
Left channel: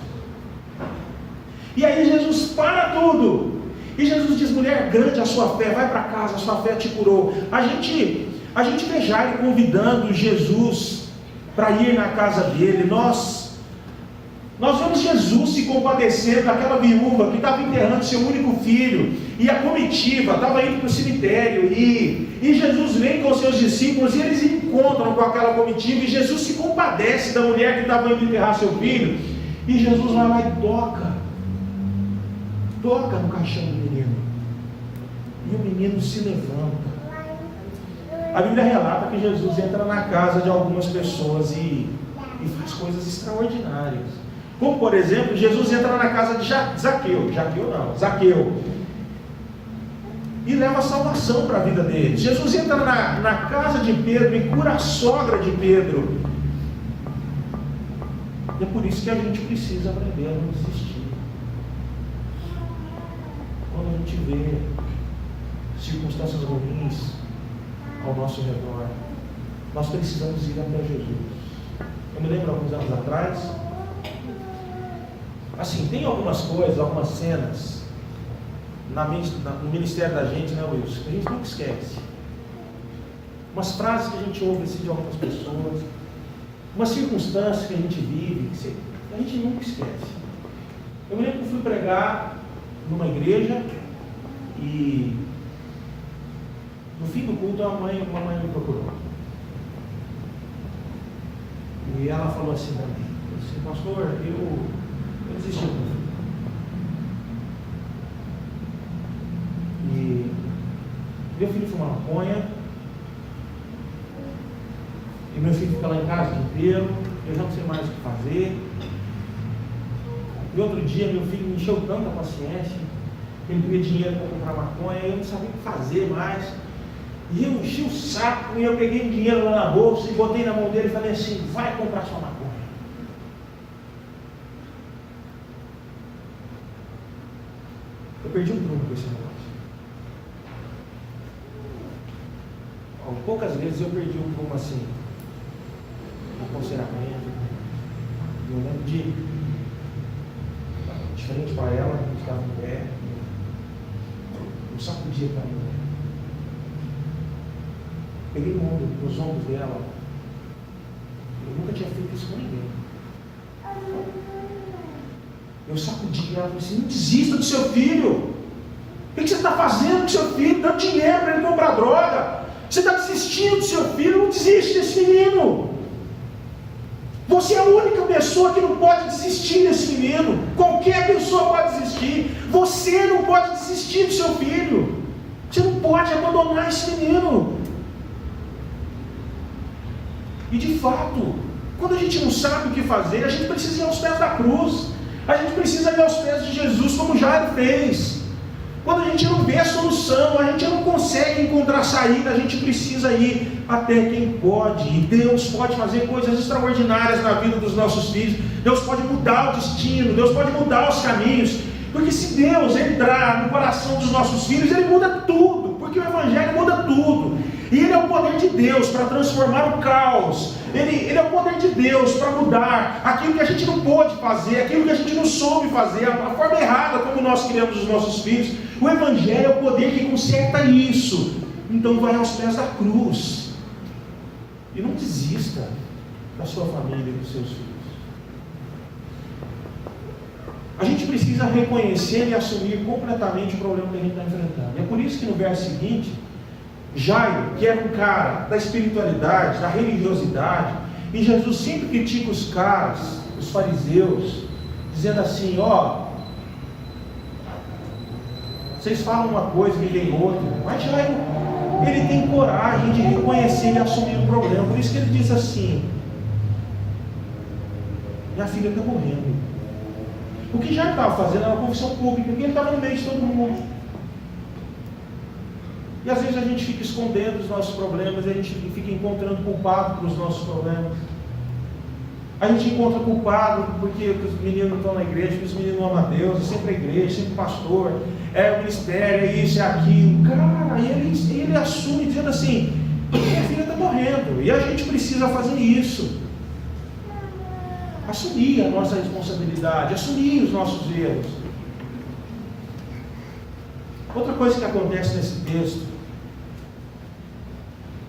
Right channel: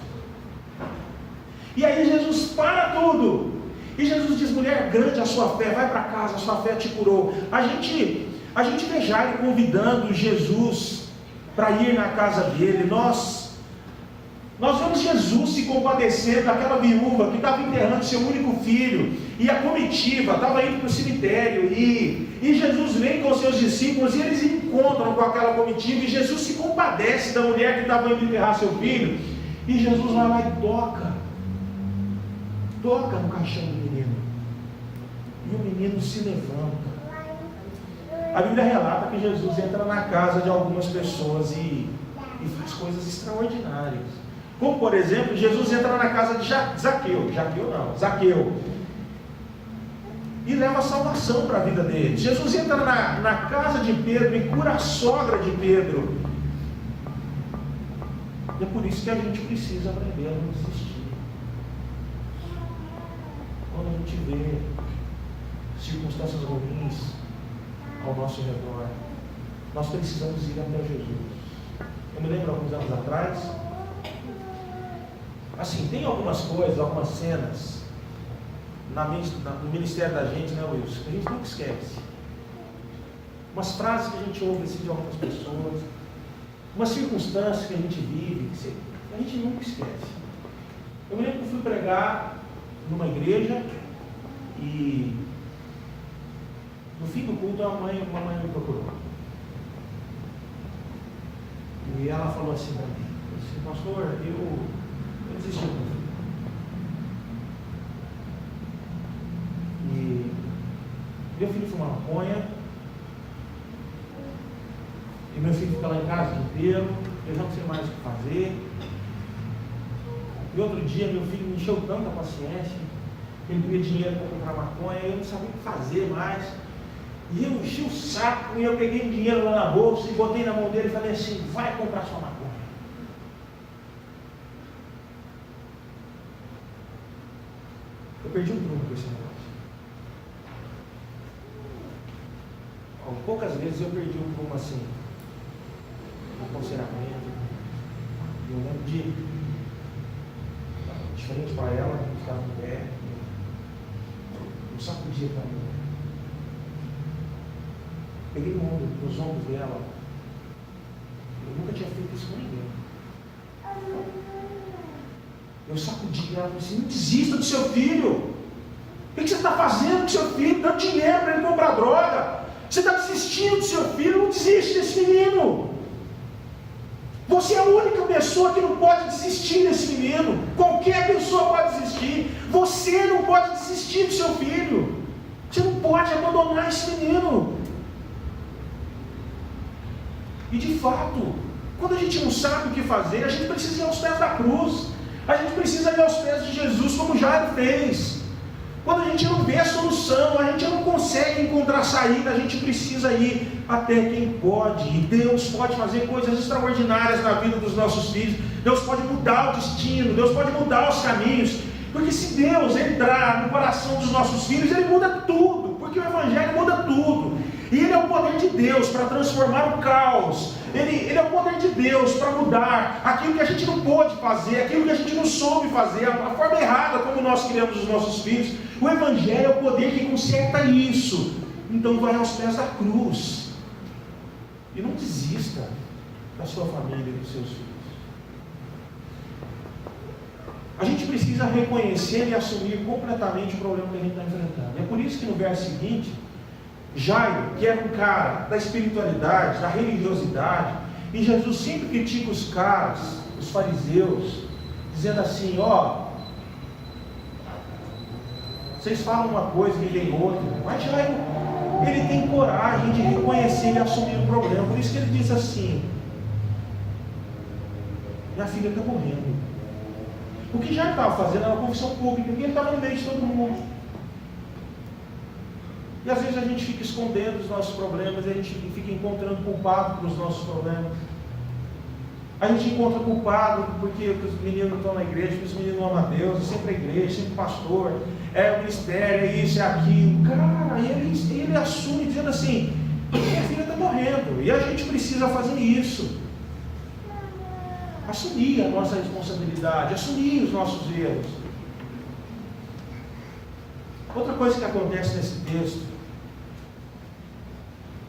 E aí Jesus para tudo. E Jesus diz: mulher, grande a sua fé, vai para casa, a sua fé te curou. A gente vê Jairo convidando Jesus para ir na casa dele. Nós vemos Jesus se compadecendo daquela viúva que estava enterrando seu único filho, e a comitiva estava indo para o cemitério, e Jesus vem com os seus discípulos, e eles encontram com aquela comitiva, e Jesus se compadece da mulher que estava indo enterrar seu filho, e Jesus vai lá e toca no caixão do menino, e o menino se levanta. A Bíblia relata que Jesus entra na casa de algumas pessoas e faz coisas extraordinárias. Como, por exemplo, Jesus entra na casa de Zaqueu, e leva salvação para a vida dele. Jesus entra na casa de Pedro e cura a sogra de Pedro. E é por isso que a gente precisa aprender a não desistir. Quando a gente vê circunstâncias ruins ao nosso redor, nós precisamos ir até Jesus. Eu me lembro alguns anos atrás, assim, tem algumas coisas, algumas cenas no ministério da gente, né, Wilson, que a gente nunca esquece. Umas frases que a gente ouve assim, de algumas pessoas, umas circunstâncias que a gente vive, que a gente nunca esquece. Eu me lembro que eu fui pregar numa igreja e no fim do culto uma mãe me procurou. E ela falou assim para mim: pastor, eu desisti do meu filho. E meu filho fuma maconha, e meu filho fica lá em casa o dia inteiro, eu já não sei mais o que fazer. E outro dia meu filho me encheu tanta paciência, ele queria dinheiro para comprar maconha, eu não sabia o que fazer mais. E eu enchi o saco, e eu peguei um dinheiro lá na bolsa e botei na mão dele e falei assim: vai comprar sua maconha. Eu perdi um truco com esse negócio. Poucas vezes eu perdi um truco assim, no aconselhamento. Eu lembro de frente para ela, estava em pé, eu sacudia para mim. Peguei nos ombros dela. Eu nunca tinha feito isso com ninguém. Eu sacudi ela e falei assim: não desista do seu filho. O que você está fazendo com seu filho? Dando dinheiro para ele comprar droga. Você está desistindo do seu filho? Não desiste desse menino. Você é a única pessoa que não pode desistir desse menino. Qualquer pessoa pode desistir. Você não pode desistir do seu filho. Você não pode abandonar esse menino. E de fato, quando a gente não sabe o que fazer, a gente precisa ir aos pés da cruz. A gente precisa ir aos pés de Jesus, como Jairo fez. Quando a gente não vê a solução, a gente não consegue encontrar saída, a gente precisa ir até quem pode. E Deus pode fazer coisas extraordinárias na vida dos nossos filhos. Deus pode mudar o destino, Deus pode mudar os caminhos. Porque se Deus entrar no coração dos nossos filhos, Ele muda tudo. Porque o Evangelho muda tudo. E Ele é o poder de Deus para transformar o caos. Ele é o poder de Deus para mudar aquilo que a gente não pôde fazer, aquilo que a gente não soube fazer, a forma errada como nós criamos os nossos filhos. O Evangelho é o poder que conserta isso. Então vai aos pés da cruz. E não desista da sua família e dos seus filhos. A gente precisa reconhecer e assumir completamente o problema que a gente está enfrentando. É por isso que no verso seguinte, Jairo, que era um cara da espiritualidade, da religiosidade, e Jesus sempre critica os caras, os fariseus, dizendo assim: ó, vocês falam uma coisa e tem outra. Mas Jairo, ele tem coragem de reconhecer e assumir o problema. Por isso que ele diz assim: minha filha está morrendo. O que Jairo estava fazendo era uma confissão pública, porque ele estava no meio de todo mundo. E às vezes a gente fica escondendo os nossos problemas, a gente fica encontrando culpado para os nossos problemas. A gente encontra culpado porque os meninos não estão na igreja, porque os meninos não amam a Deus, é sempre a igreja, sempre o pastor, é o ministério, é isso, é aquilo. Cara, ele assume dizendo assim: minha filha está morrendo. E a gente precisa fazer isso. Assumir a nossa responsabilidade, assumir os nossos erros. Outra coisa que acontece nesse texto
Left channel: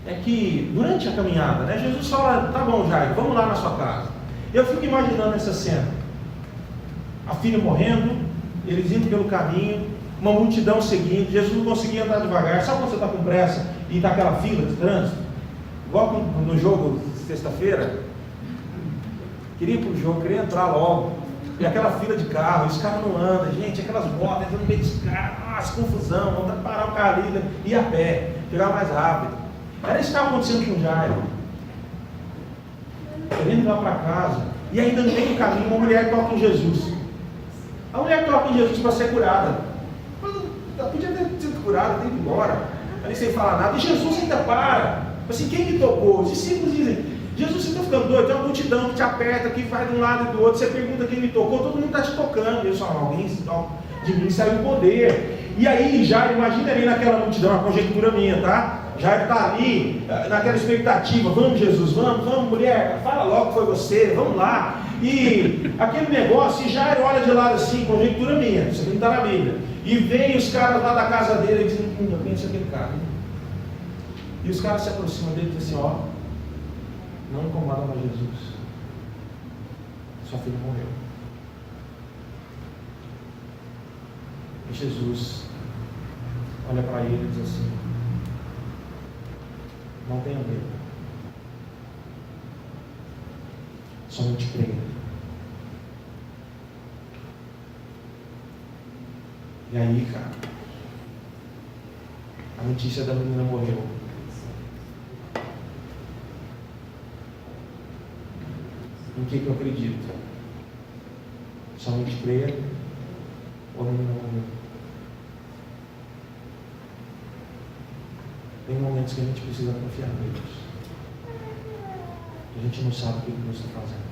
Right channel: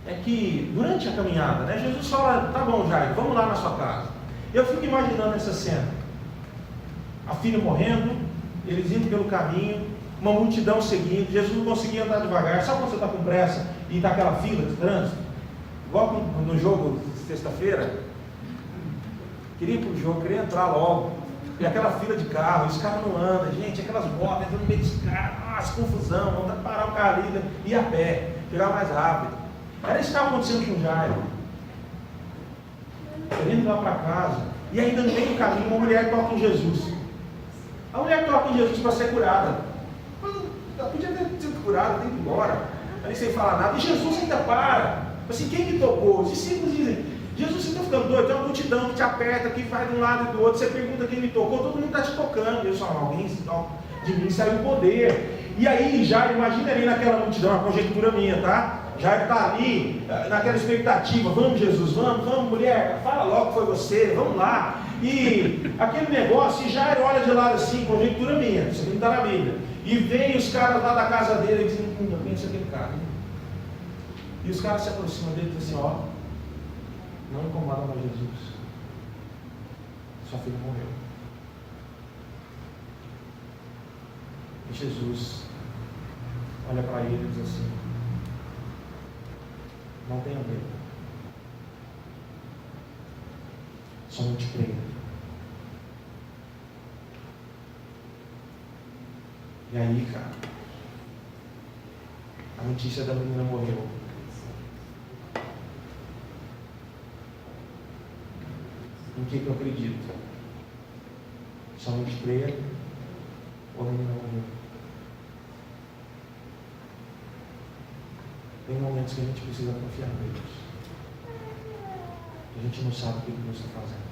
é que durante a caminhada, né, Jesus fala: tá bom, Jairo, vamos lá na sua casa. Eu fico imaginando essa cena. A filha morrendo, eles indo pelo caminho, uma multidão seguindo, Jesus não conseguia andar devagar. Sabe quando você está com pressa e está aquela fila de trânsito? Igual no jogo de sexta-feira. Queria ir para o jogo, queria entrar logo. E aquela fila de carro, os caras não andam, gente, aquelas motos, entrando no meio dos caras, nossa, confusão, vontade de parar o carro ali, ir a pé, chegar mais rápido. Era isso que estava acontecendo com o Jairo. Querendo ir lá para casa, e ainda no meio do caminho, uma mulher toca em Jesus. A mulher toca em Jesus para ser curada. Mas ela podia ter sido curada, ter ido embora, ali sem falar nada. E Jesus ainda para. Assim, quem me tocou? Os discípulos dizem: Jesus, você está ficando doido? Tem uma multidão que te aperta, que vai de um lado e do outro. Você pergunta quem me tocou, todo mundo está te tocando. E eu falo: alguém de mim saiu o poder. E aí, Jairo, imagina ali naquela multidão, uma conjectura minha, tá? Jairo está ali, naquela expectativa: vamos, Jesus, vamos, mulher, fala logo que foi você, vamos lá. E aquele negócio, e Jairo olha de lado assim, conjectura minha, isso aqui não está na Bíblia. E vem os caras lá da casa dele e dizem: eu conheço aquele cara. E os caras se aproximam dele e dizem assim: ó, não incomoda mais Jesus. Sua filha morreu. E Jesus olha para ele e diz assim: não tenha medo. Somente creia. E aí, cara, a notícia da menina morreu. Em que eu acredito? Somente creia ou a menina morreu. Tem momentos que a gente precisa confiar em Deus. A gente não sabe o que Deus está fazendo.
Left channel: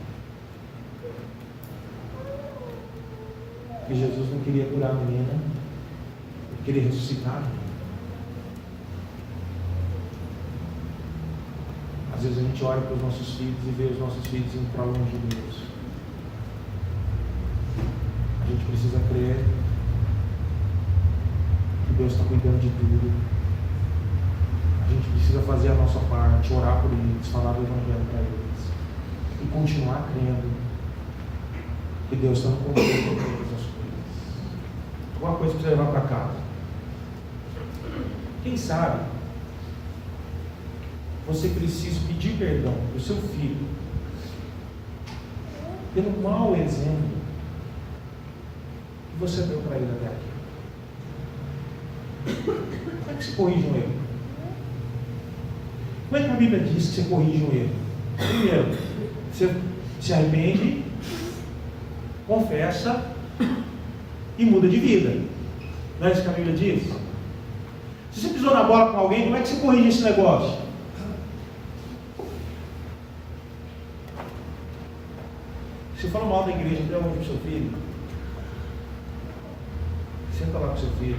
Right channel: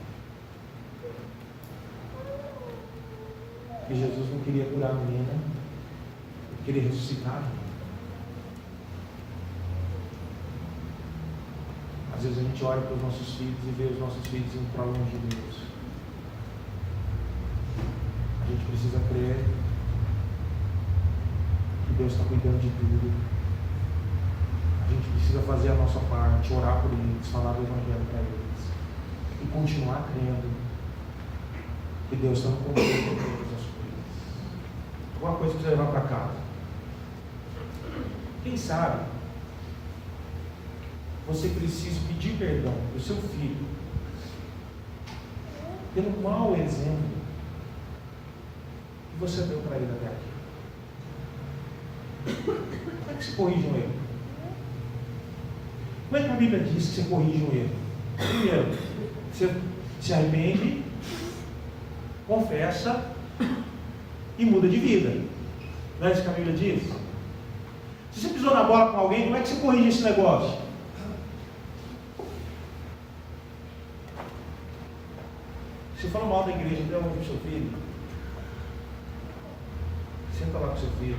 E Jesus não queria curar a menina, ele queria ressuscitar a menina. Às vezes a gente olha para os nossos filhos e vê os nossos filhos indo para longe de Deus. precisa crer que Deus está cuidando de tudo. A gente precisa fazer a nossa parte, orar por eles, falar do Evangelho para eles e continuar crendo que Deus está no controle de todas as coisas. Alguma coisa que você levar para casa. Quem sabe você precisa pedir perdão para o seu filho pelo mau exemplo que você deu para ele até aqui. Como é que se corrige um erro? Como é que a Bíblia diz que você corrige um erro? Primeiro, você se arrepende, confessa e muda de vida. Não é isso que a Bíblia diz? Se você pisou na bola com alguém, como é que você corrige esse negócio? Se você fala mal da igreja, dê onde para o seu filho, senta lá com o seu filho.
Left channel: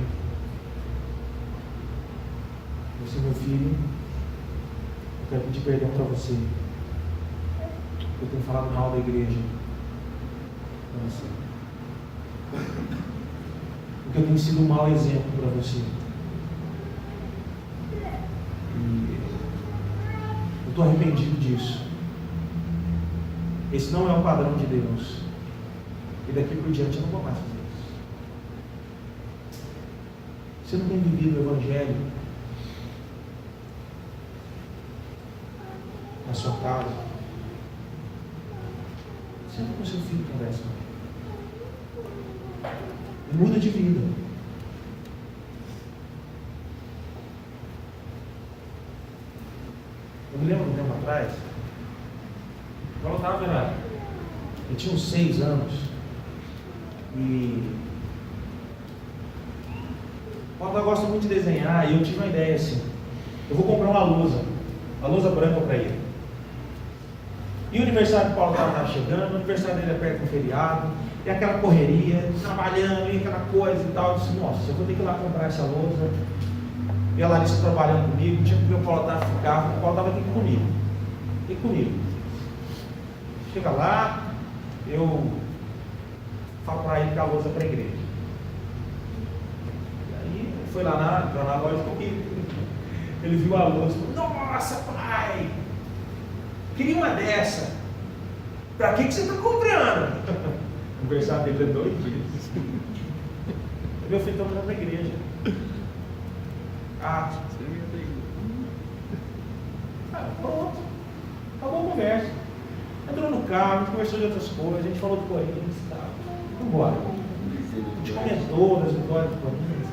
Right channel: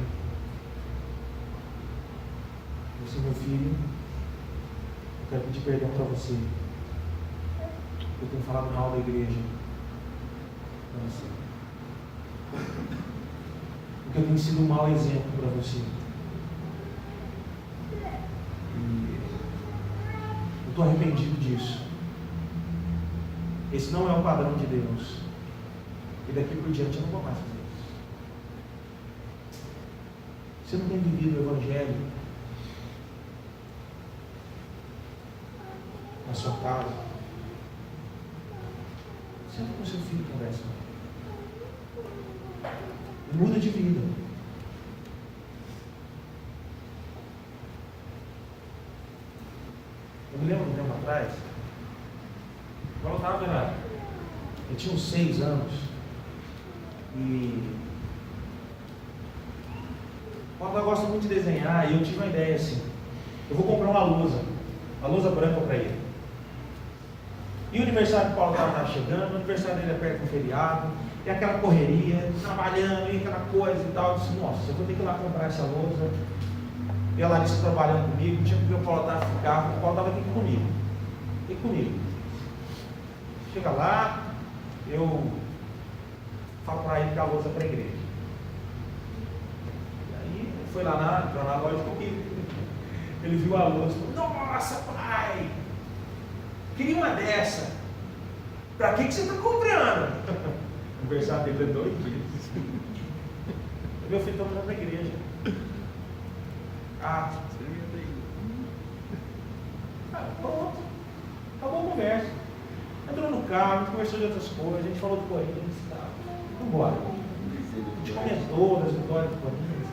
Você, meu filho, eu quero pedir perdão para você. Eu tenho falado mal da igreja para você. Porque eu tenho sido um mau exemplo para você. E eu estou arrependido disso. Esse não é o padrão de Deus. E daqui por diante eu não vou mais fazer isso. Você não tem vivido o Evangelho na sua casa? Senta com seu filho e conversa. E muda de vida. Eu me lembro um tempo atrás, quando eu estava eu tinha uns 6 anos, e o papai gosta muito de desenhar, e eu tive uma ideia assim: eu vou comprar uma lousa branca para ele. E o aniversário do Paulo estava chegando, o aniversário dele é perto do feriado, e aquela correria, trabalhando, e aquela coisa e tal. Eu disse: nossa, eu vou ter que ir lá comprar essa lousa. E a Larissa trabalhando comigo, tinha que ver o Paulo ficar, o Paulo estava aqui comigo. Chega lá, eu falo para ele que a lousa é para a igreja. E aí, foi lá na loja comigo. Ele viu a lousa e falou: nossa, pai, queria uma dessa. Para que você está comprando? O aniversário dele é 2 dias. Meu filho está comprando para a igreja. Pronto. Acabou a conversa. Entrou no carro, a gente conversou de outras coisas, a gente falou do Corinthians e tal. Vamos embora. A gente comentou das vitórias do Corinthians.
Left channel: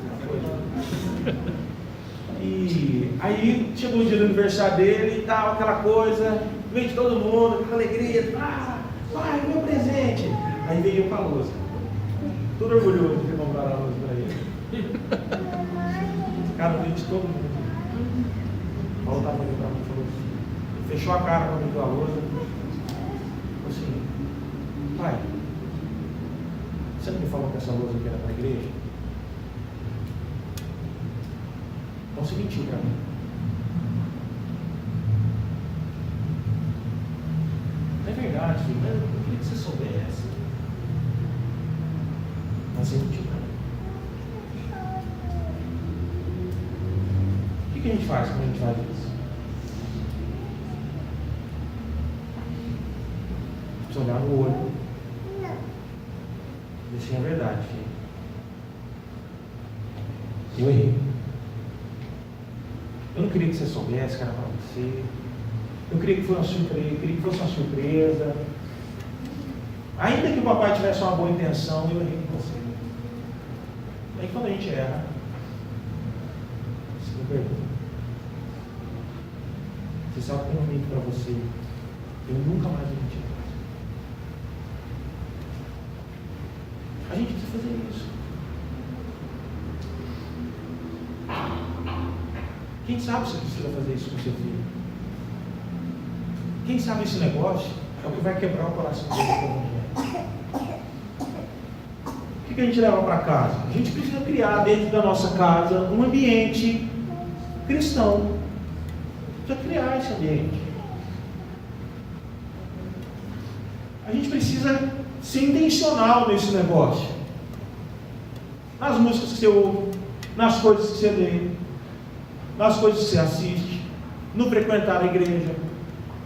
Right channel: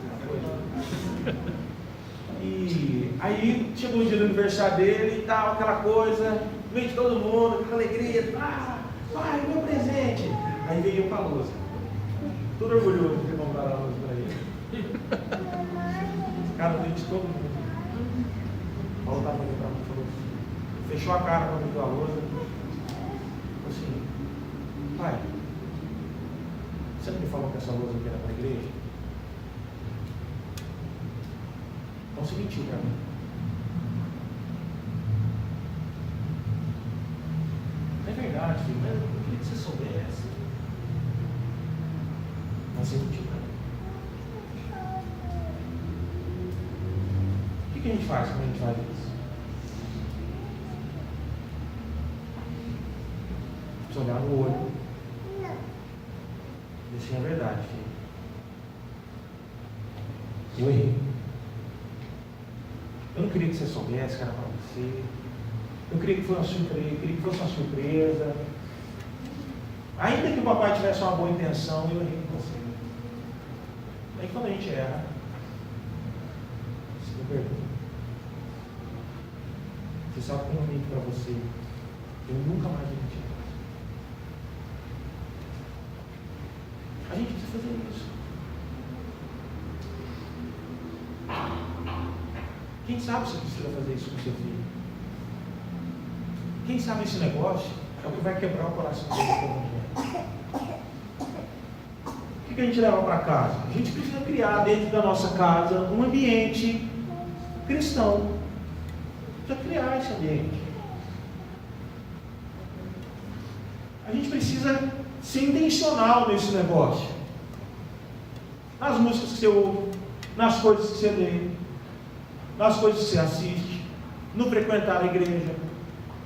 E aí chegou o dia do aniversário dele e tal, aquela coisa, veio de todo mundo, com alegria, pai, meu presente. Aí veio eu com a lousa. Todo orgulhoso de comprar a lousa para ele. Cara, veio de todo mundo. O Paulo estava olhando para mim e falou assim, fechou a cara quando viu a lousa. Falou assim: pai, você não me falou que essa lousa aqui era para a igreja? Então você mentiu para mim. Não é verdade, filho, mas eu queria que você soubesse. Mas você mentiu para mim. O que a gente faz quando a gente faz isso? Precisa olhar no olho. Deixa a verdade, filho. Eu errei. Eu não queria que você soubesse que era para você. Eu queria que fosse uma surpresa. Ainda que o papai tivesse uma boa intenção, eu errei com você. Aí quando a gente erra, você me perdoa. Você sabe que eu não minto para você. Eu nunca mais vou mentir. A gente precisa fazer isso. Quem sabe você precisa fazer isso com seu filho? Quem sabe esse negócio é o que vai quebrar o coração dele com o Evangelho. O que a gente leva para casa? A gente precisa criar dentro da nossa casa um ambiente cristão. Precisa criar esse ambiente. A gente precisa ser intencional nesse negócio. nas músicas que você ouve, nas coisas que você lê, nas coisas que você assiste, no frequentar a igreja,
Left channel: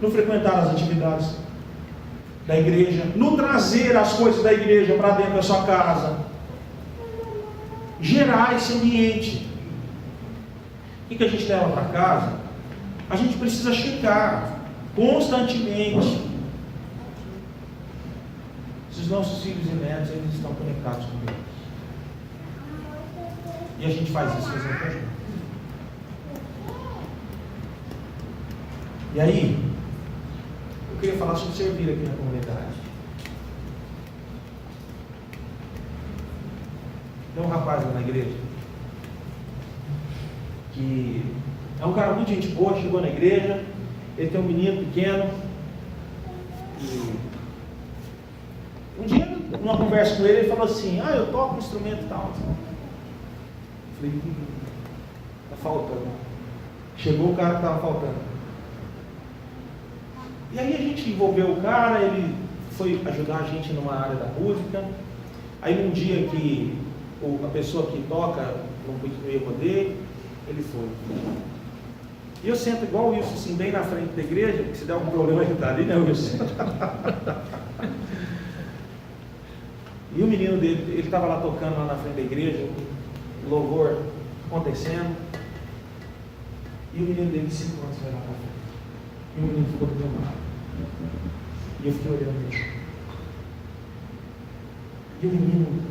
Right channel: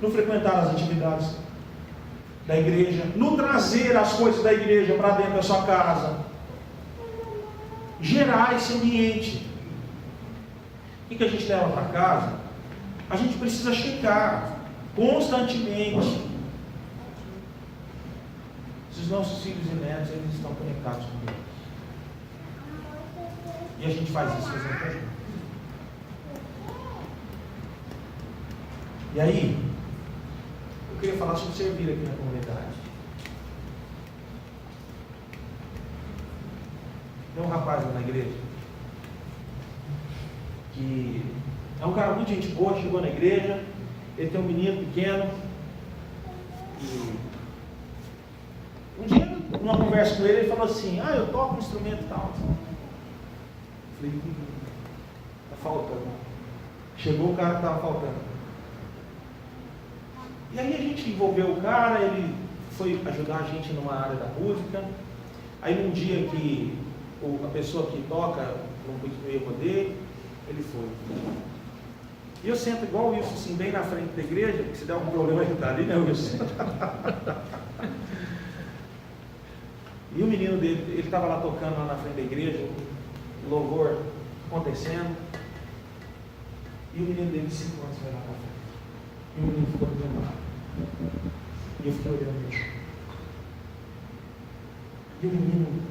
no frequentar as atividades da igreja, no trazer as coisas da igreja para dentro da sua casa, gerar esse ambiente. O que a gente leva para casa? A gente precisa checar constantemente se os nossos filhos e netos eles estão conectados com Deus. E a gente faz isso mesmo com a gente. E aí, eu queria falar sobre servir aqui na comunidade. Tem um rapaz lá na igreja que é um cara muito gente boa, chegou na igreja, ele tem um menino pequeno, e um dia, numa conversa com ele falou assim, eu toco um instrumento e tal. Eu falei, está faltando. Chegou o cara que estava faltando. E aí a gente envolveu o cara, ele foi ajudar a gente numa área da música. Aí num dia que a pessoa que toca não ia poder, ele foi. E eu sento igual isso, assim, bem na frente da igreja, porque se der algum problema ele está ali, né, Wilson? E o menino dele, ele estava lá tocando lá na frente da igreja, o louvor acontecendo, e o menino dele de 5 anos foi lá para frente. E o menino ficou do meu lado. E eu fiquei olhando ele. E o menino,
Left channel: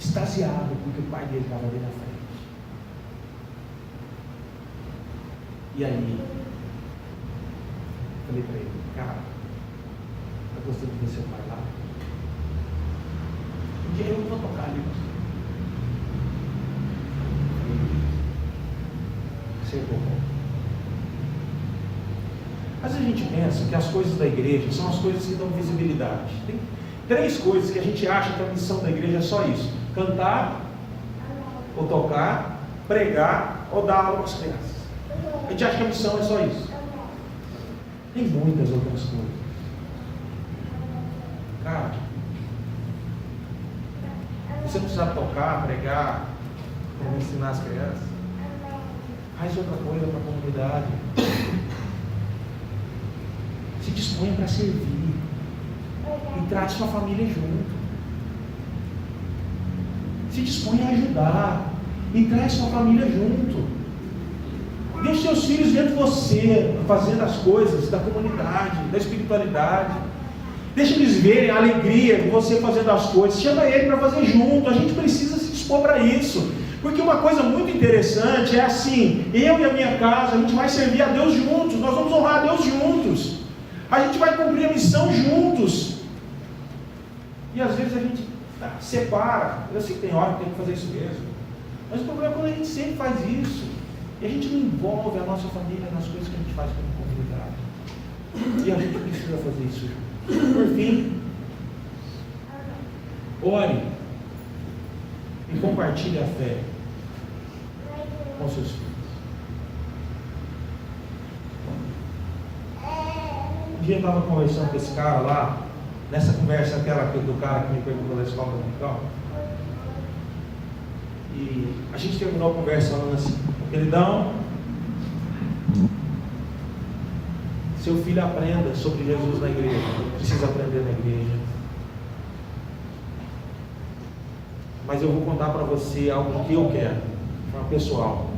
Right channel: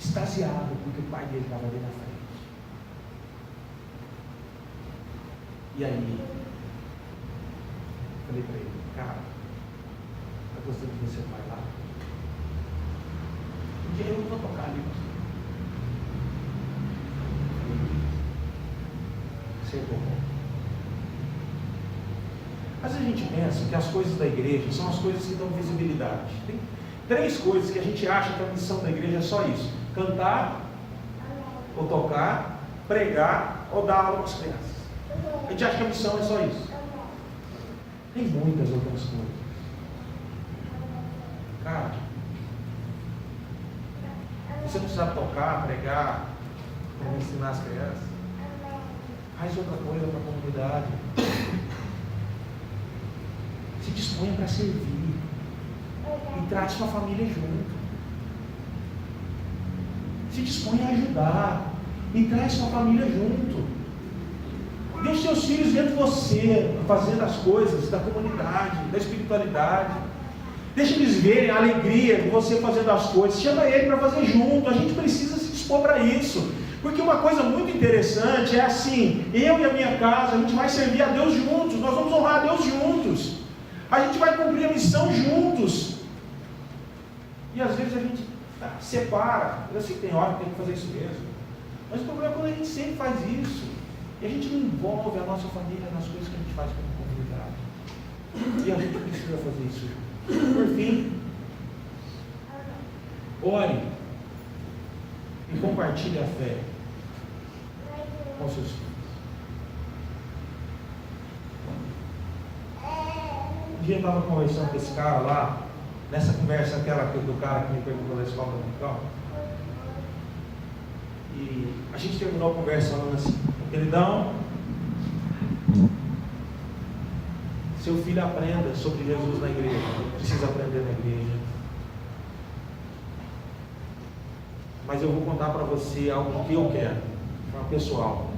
extasiado, porque o pai dele estava ali na frente. E aí, falei para ele, cara, eu gostei de ver seu pai lá. Um dia eu vou tocar ali. Você é bom. Às vezes a gente pensa que as coisas da igreja são as coisas que dão visibilidade. Tem 3 coisas que a gente acha que a missão da igreja é só isso: cantar, ou tocar, pregar, ou dar aula para as crianças. A gente acha que a missão é só isso. Tem muitas outras coisas. Cara, você precisa tocar, pregar, para ensinar as crianças, faz outra coisa para a comunidade. Se disponha para servir e traz sua família junto. Se disponha a ajudar e traz sua família junto. E os seus filhos dentro de você, fazendo as coisas da comunidade, da espiritualidade. Deixa eles verem a alegria de você fazendo as coisas. Chama ele para fazer junto. A gente precisa se dispor para isso. Porque uma coisa muito interessante é assim: eu e a minha casa, a gente vai servir a Deus juntos. Nós vamos honrar a Deus juntos. A gente vai cumprir a missão juntos. E às vezes a gente separa. Eu sei que tem hora que tem que fazer isso mesmo. Mas o problema é quando a gente sempre faz isso. E a gente não envolve a nossa família nas coisas que a gente faz como comunidade. E a gente precisa fazer isso junto. Por fim, ore e compartilhe a fé com seus filhos. Um dia eu estava conversando com esse cara lá, nessa conversa aquela do cara que me perguntou da escola dominical, e a gente terminou a conversa falando assim: queridão, seu filho aprenda sobre Jesus na igreja, precisa aprender na igreja, mas eu vou contar para você algo que eu quero, pessoal.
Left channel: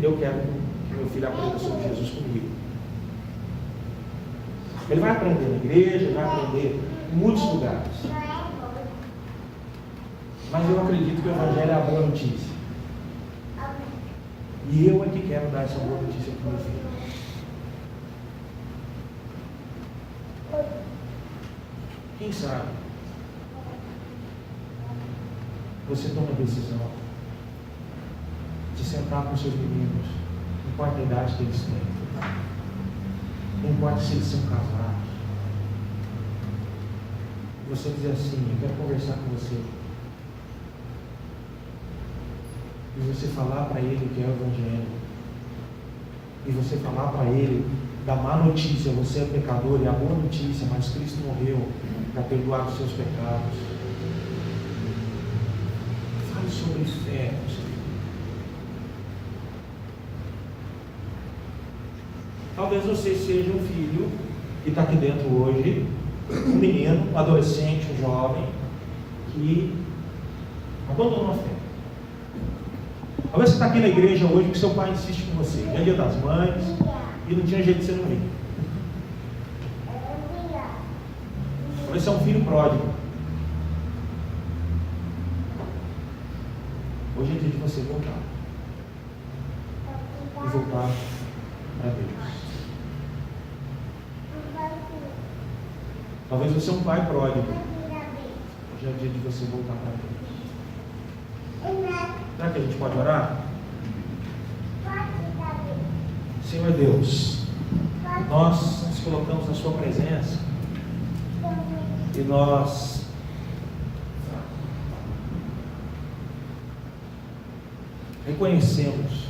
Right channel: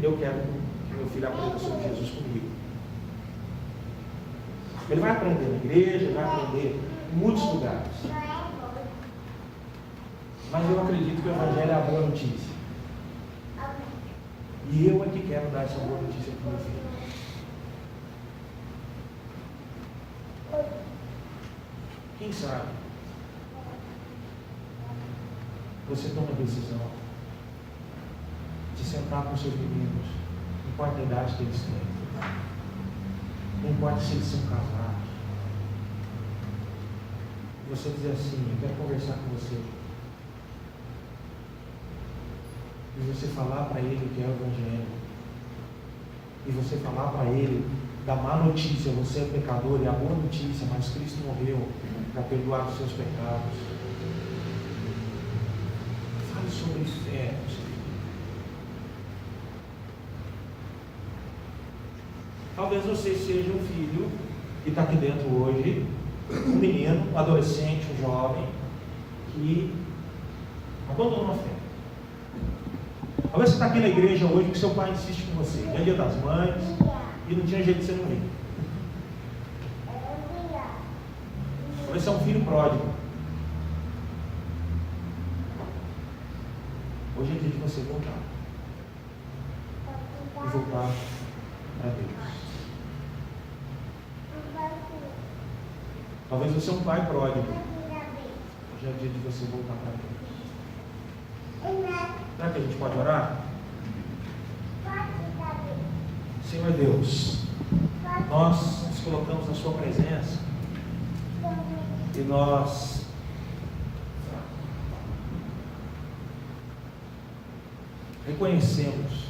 Eu quero que meu filho aprenda sobre Jesus comigo. Ele vai aprender na igreja, vai aprender em muitos lugares. Mas eu acredito que o Evangelho é a boa notícia. E eu é que quero dar essa boa notícia para o meu filho. Quem sabe você toma a decisão de sentar com seus meninos, não importa a idade que eles têm, não importa se eles são casados, você dizer assim: eu quero conversar com você, e você falar para ele o que é o Evangelho, e você falar para ele da má notícia, você é pecador, e a boa notícia, mas Cristo morreu para perdoar os seus pecados. Fale sobre fé, meu filho. Talvez você seja um filho que está aqui dentro hoje, um menino, um adolescente, um jovem, que abandonou a fé. Talvez você está aqui na igreja hoje porque seu pai insiste com você. É dia das mães e não tinha jeito de você não ir. Talvez você é um filho pródigo. Hoje é dia de você voltar. E voltar para Deus. Talvez você é um pai pródigo. Hoje é dia de você voltar para Deus. Será que a gente pode orar? Senhor Deus, nós nos colocamos na sua presença e nós reconhecemos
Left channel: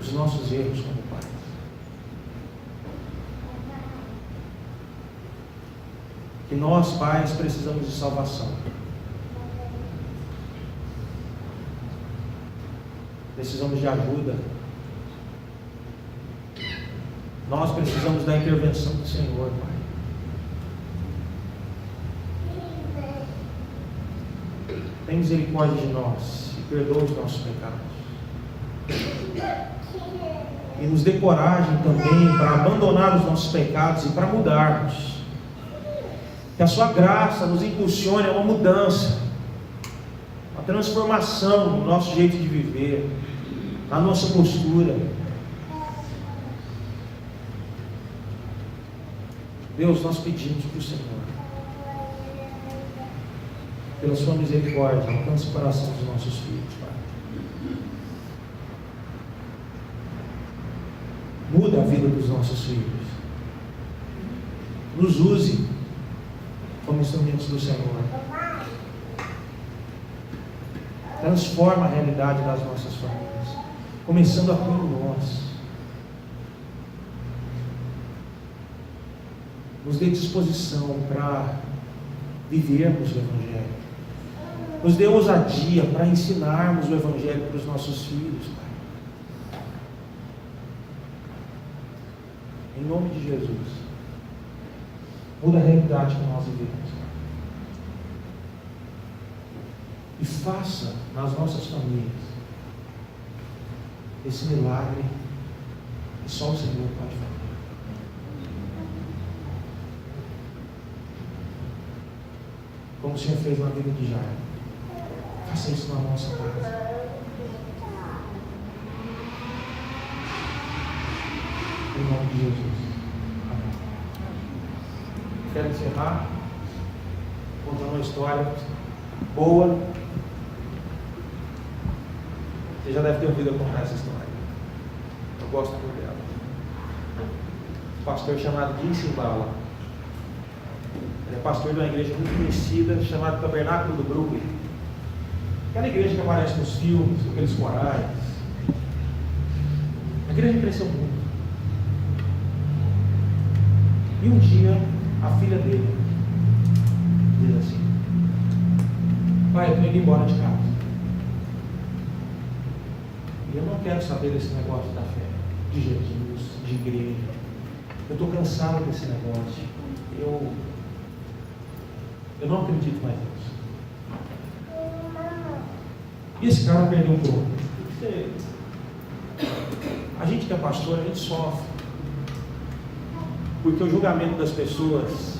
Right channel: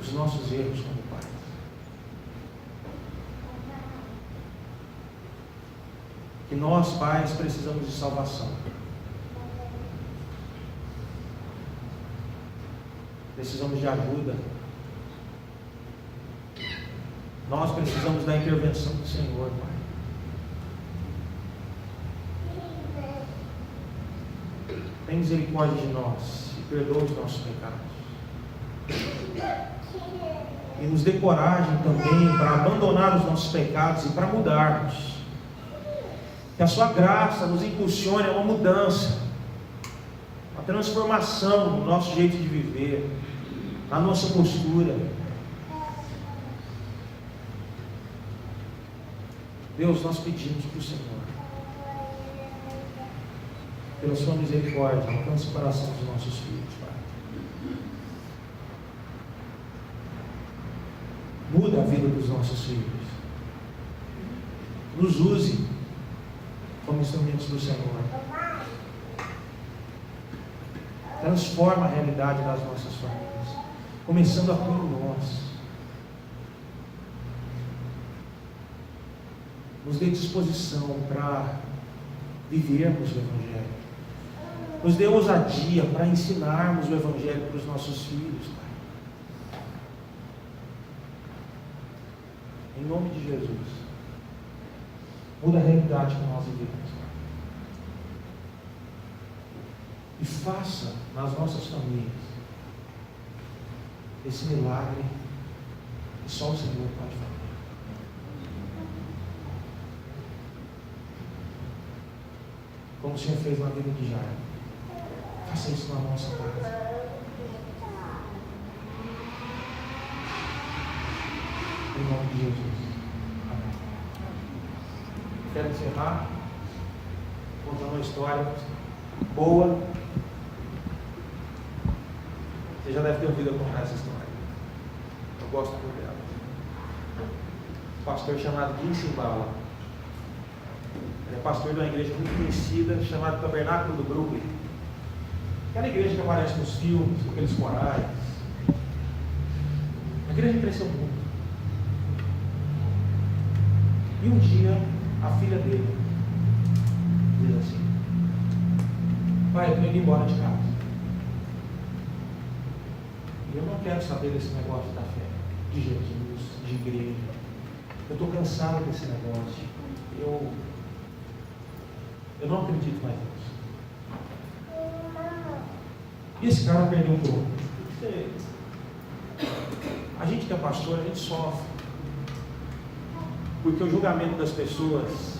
os nossos erros como pais. Que nós, pais, precisamos de salvação. Precisamos de ajuda. Nós precisamos da intervenção do Senhor, Pai. Tem misericórdia de nós e perdoa os nossos pecados. E nos dê coragem também para abandonar os nossos pecados e para mudarmos. Que a sua graça nos impulsione a uma mudança, a transformação no nosso jeito de viver, na nossa postura. Deus, nós pedimos para o Senhor, pela sua misericórdia, alcance o coração dos nossos filhos, Pai. Muda a vida dos nossos filhos. Nos use como instrumentos do Senhor. Transforma a realidade das nossas famílias, começando a por nós. Nos dê disposição para vivermos o Evangelho. Nos dê ousadia para ensinarmos o Evangelho para os nossos filhos, Pai. Em nome de Jesus. Muda a realidade que nós vivemos, Pai. E faça nas nossas famílias esse milagre que só o Senhor pode fazer. Como o Senhor fez na vida de Jairo, faça isso na nossa casa. Em nome de Jesus. Amém. Quero encerrar contando uma história boa. Você já deve ter ouvido eu contar essa história. Eu gosto muito dela. Um pastor chamado Jim Cymbala. Ele é pastor de uma igreja muito conhecida, chamada Tabernáculo do Brooklyn. Aquela igreja que aparece nos filmes, aqueles corais. A igreja cresceu muito. E um dia, a filha dele diz assim: pai, eu estou indo embora de casa. E eu não quero saber desse negócio da fé, de Jesus, de igreja. Eu estou cansado desse negócio. Eu não acredito mais nisso. E esse cara perdeu um pouco. A gente que é pastor, a gente sofre. Porque o julgamento das pessoas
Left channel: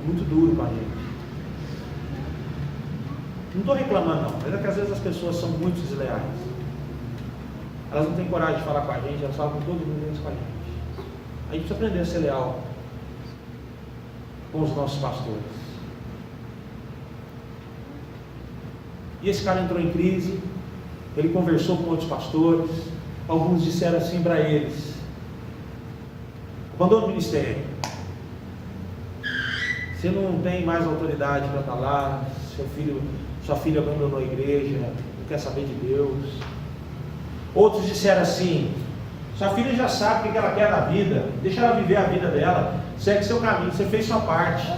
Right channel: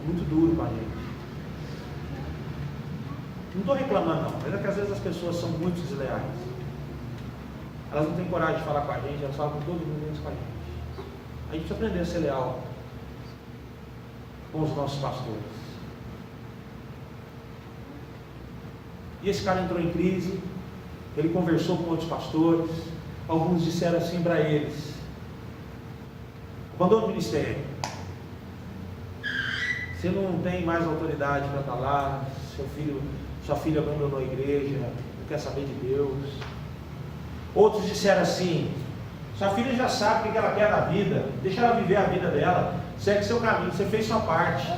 é muito duro para a gente. Não estou reclamando não, mas é que às vezes as pessoas são muito desleais. Elas não têm coragem de falar com a gente, elas falam com todo mundo menos com a gente. A gente precisa aprender a ser leal com os nossos pastores. E esse cara entrou em crise, ele conversou com outros pastores, alguns disseram assim para eles: abandona o ministério, você não tem mais autoridade para estar lá, sua filha abandonou a igreja, não quer saber de Deus. Outros disseram assim: Sua filha já sabe o que ela quer da vida. Deixa ela viver a vida dela. Segue seu caminho, você fez sua parte.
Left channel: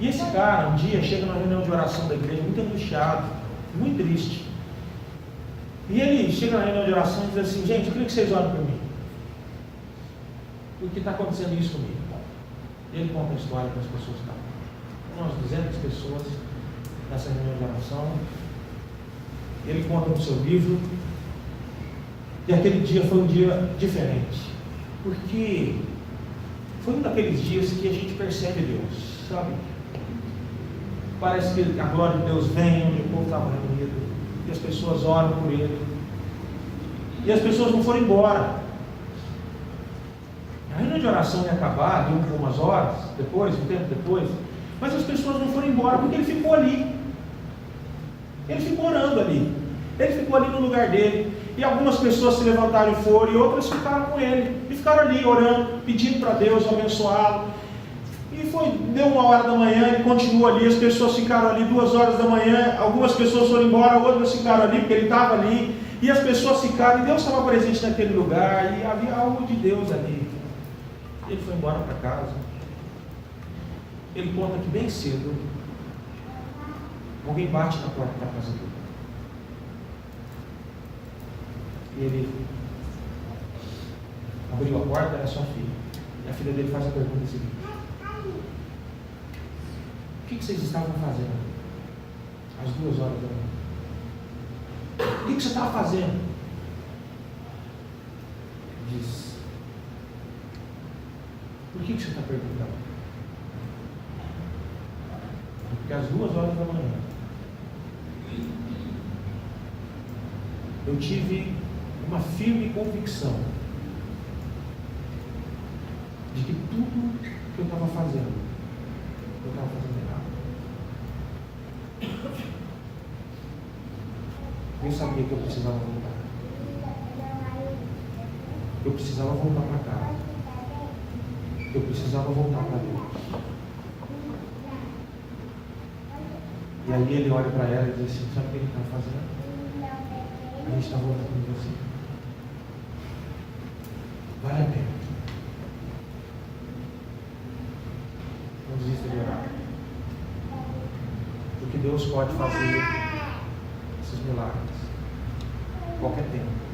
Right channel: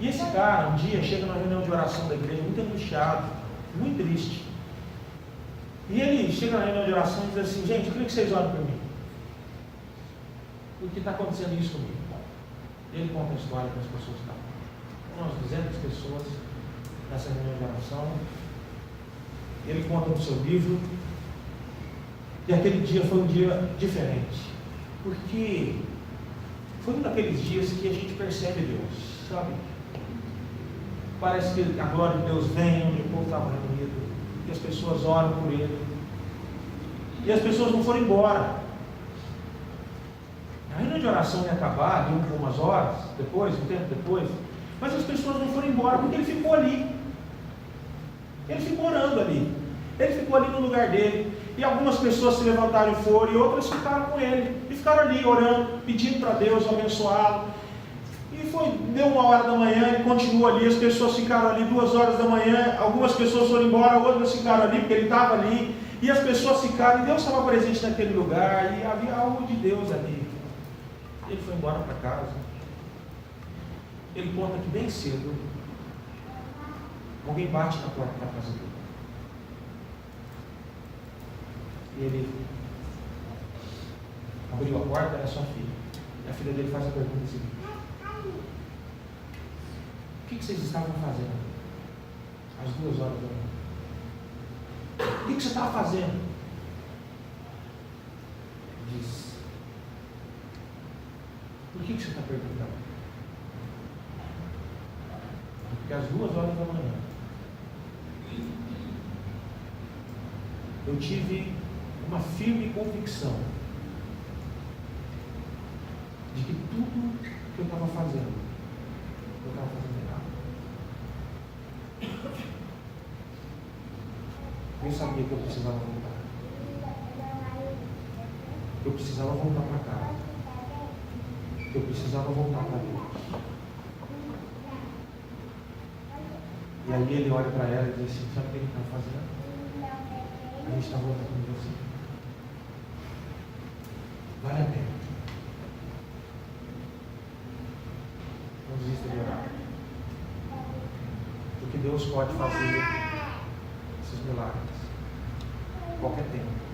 E esse cara, um dia, chega na reunião de oração da igreja, muito angustiado, muito triste. E ele chega na reunião de oração e diz assim: gente, eu queria que vocês orem por mim. Porque está acontecendo isso comigo. E ele conta a história para as pessoas que estavam. Umas 200 pessoas nessa reunião de oração. Ele conta no seu livro. E aquele dia foi um dia diferente. Porque foi um daqueles dias que a gente percebe Deus, sabe? Parece que a glória de Deus vem onde o povo estava reunido. E as pessoas oram por ele. E as pessoas não foram embora. A reunião de oração ia acabar, deu algumas horas depois, um tempo depois. Mas as pessoas não foram embora porque ele ficou ali. Ele ficou orando ali. Ele ficou ali no lugar dele. E algumas pessoas se levantaram e foram, e outras ficaram com ele. E ficaram ali orando, pedindo para Deus abençoá-lo. E deu 1h da manhã, ele continuou ali, as pessoas ficaram ali 2h da manhã, algumas pessoas foram embora, outras ficaram ali, porque ele estava ali, e as pessoas ficaram, e Deus estava presente naquele lugar, e havia algo de Deus ali. Ele foi embora para casa. Ele conta que bem cedo, alguém bate na porta da casa dele. E ele abriu a porta, era sua filha. E a filha dele faz a pergunta seguinte: o que vocês estavam fazendo às 2h da manhã? O que você estava fazendo? Diz: por que você está perguntando? Porque às 2h da manhã eu tive uma firme convicção de que tudo que eu estava fazendo, eu estava fazendo errado. Eu sabia que eu precisava voltar. Eu precisava voltar para casa. Eu precisava voltar para Deus. E aí ele olha para ela e diz assim: sabe o que ele está fazendo? A gente está voltando para você. Vale a pena. Não desista de orar. Porque Deus pode fazer esses milagres. Qualquer tempo.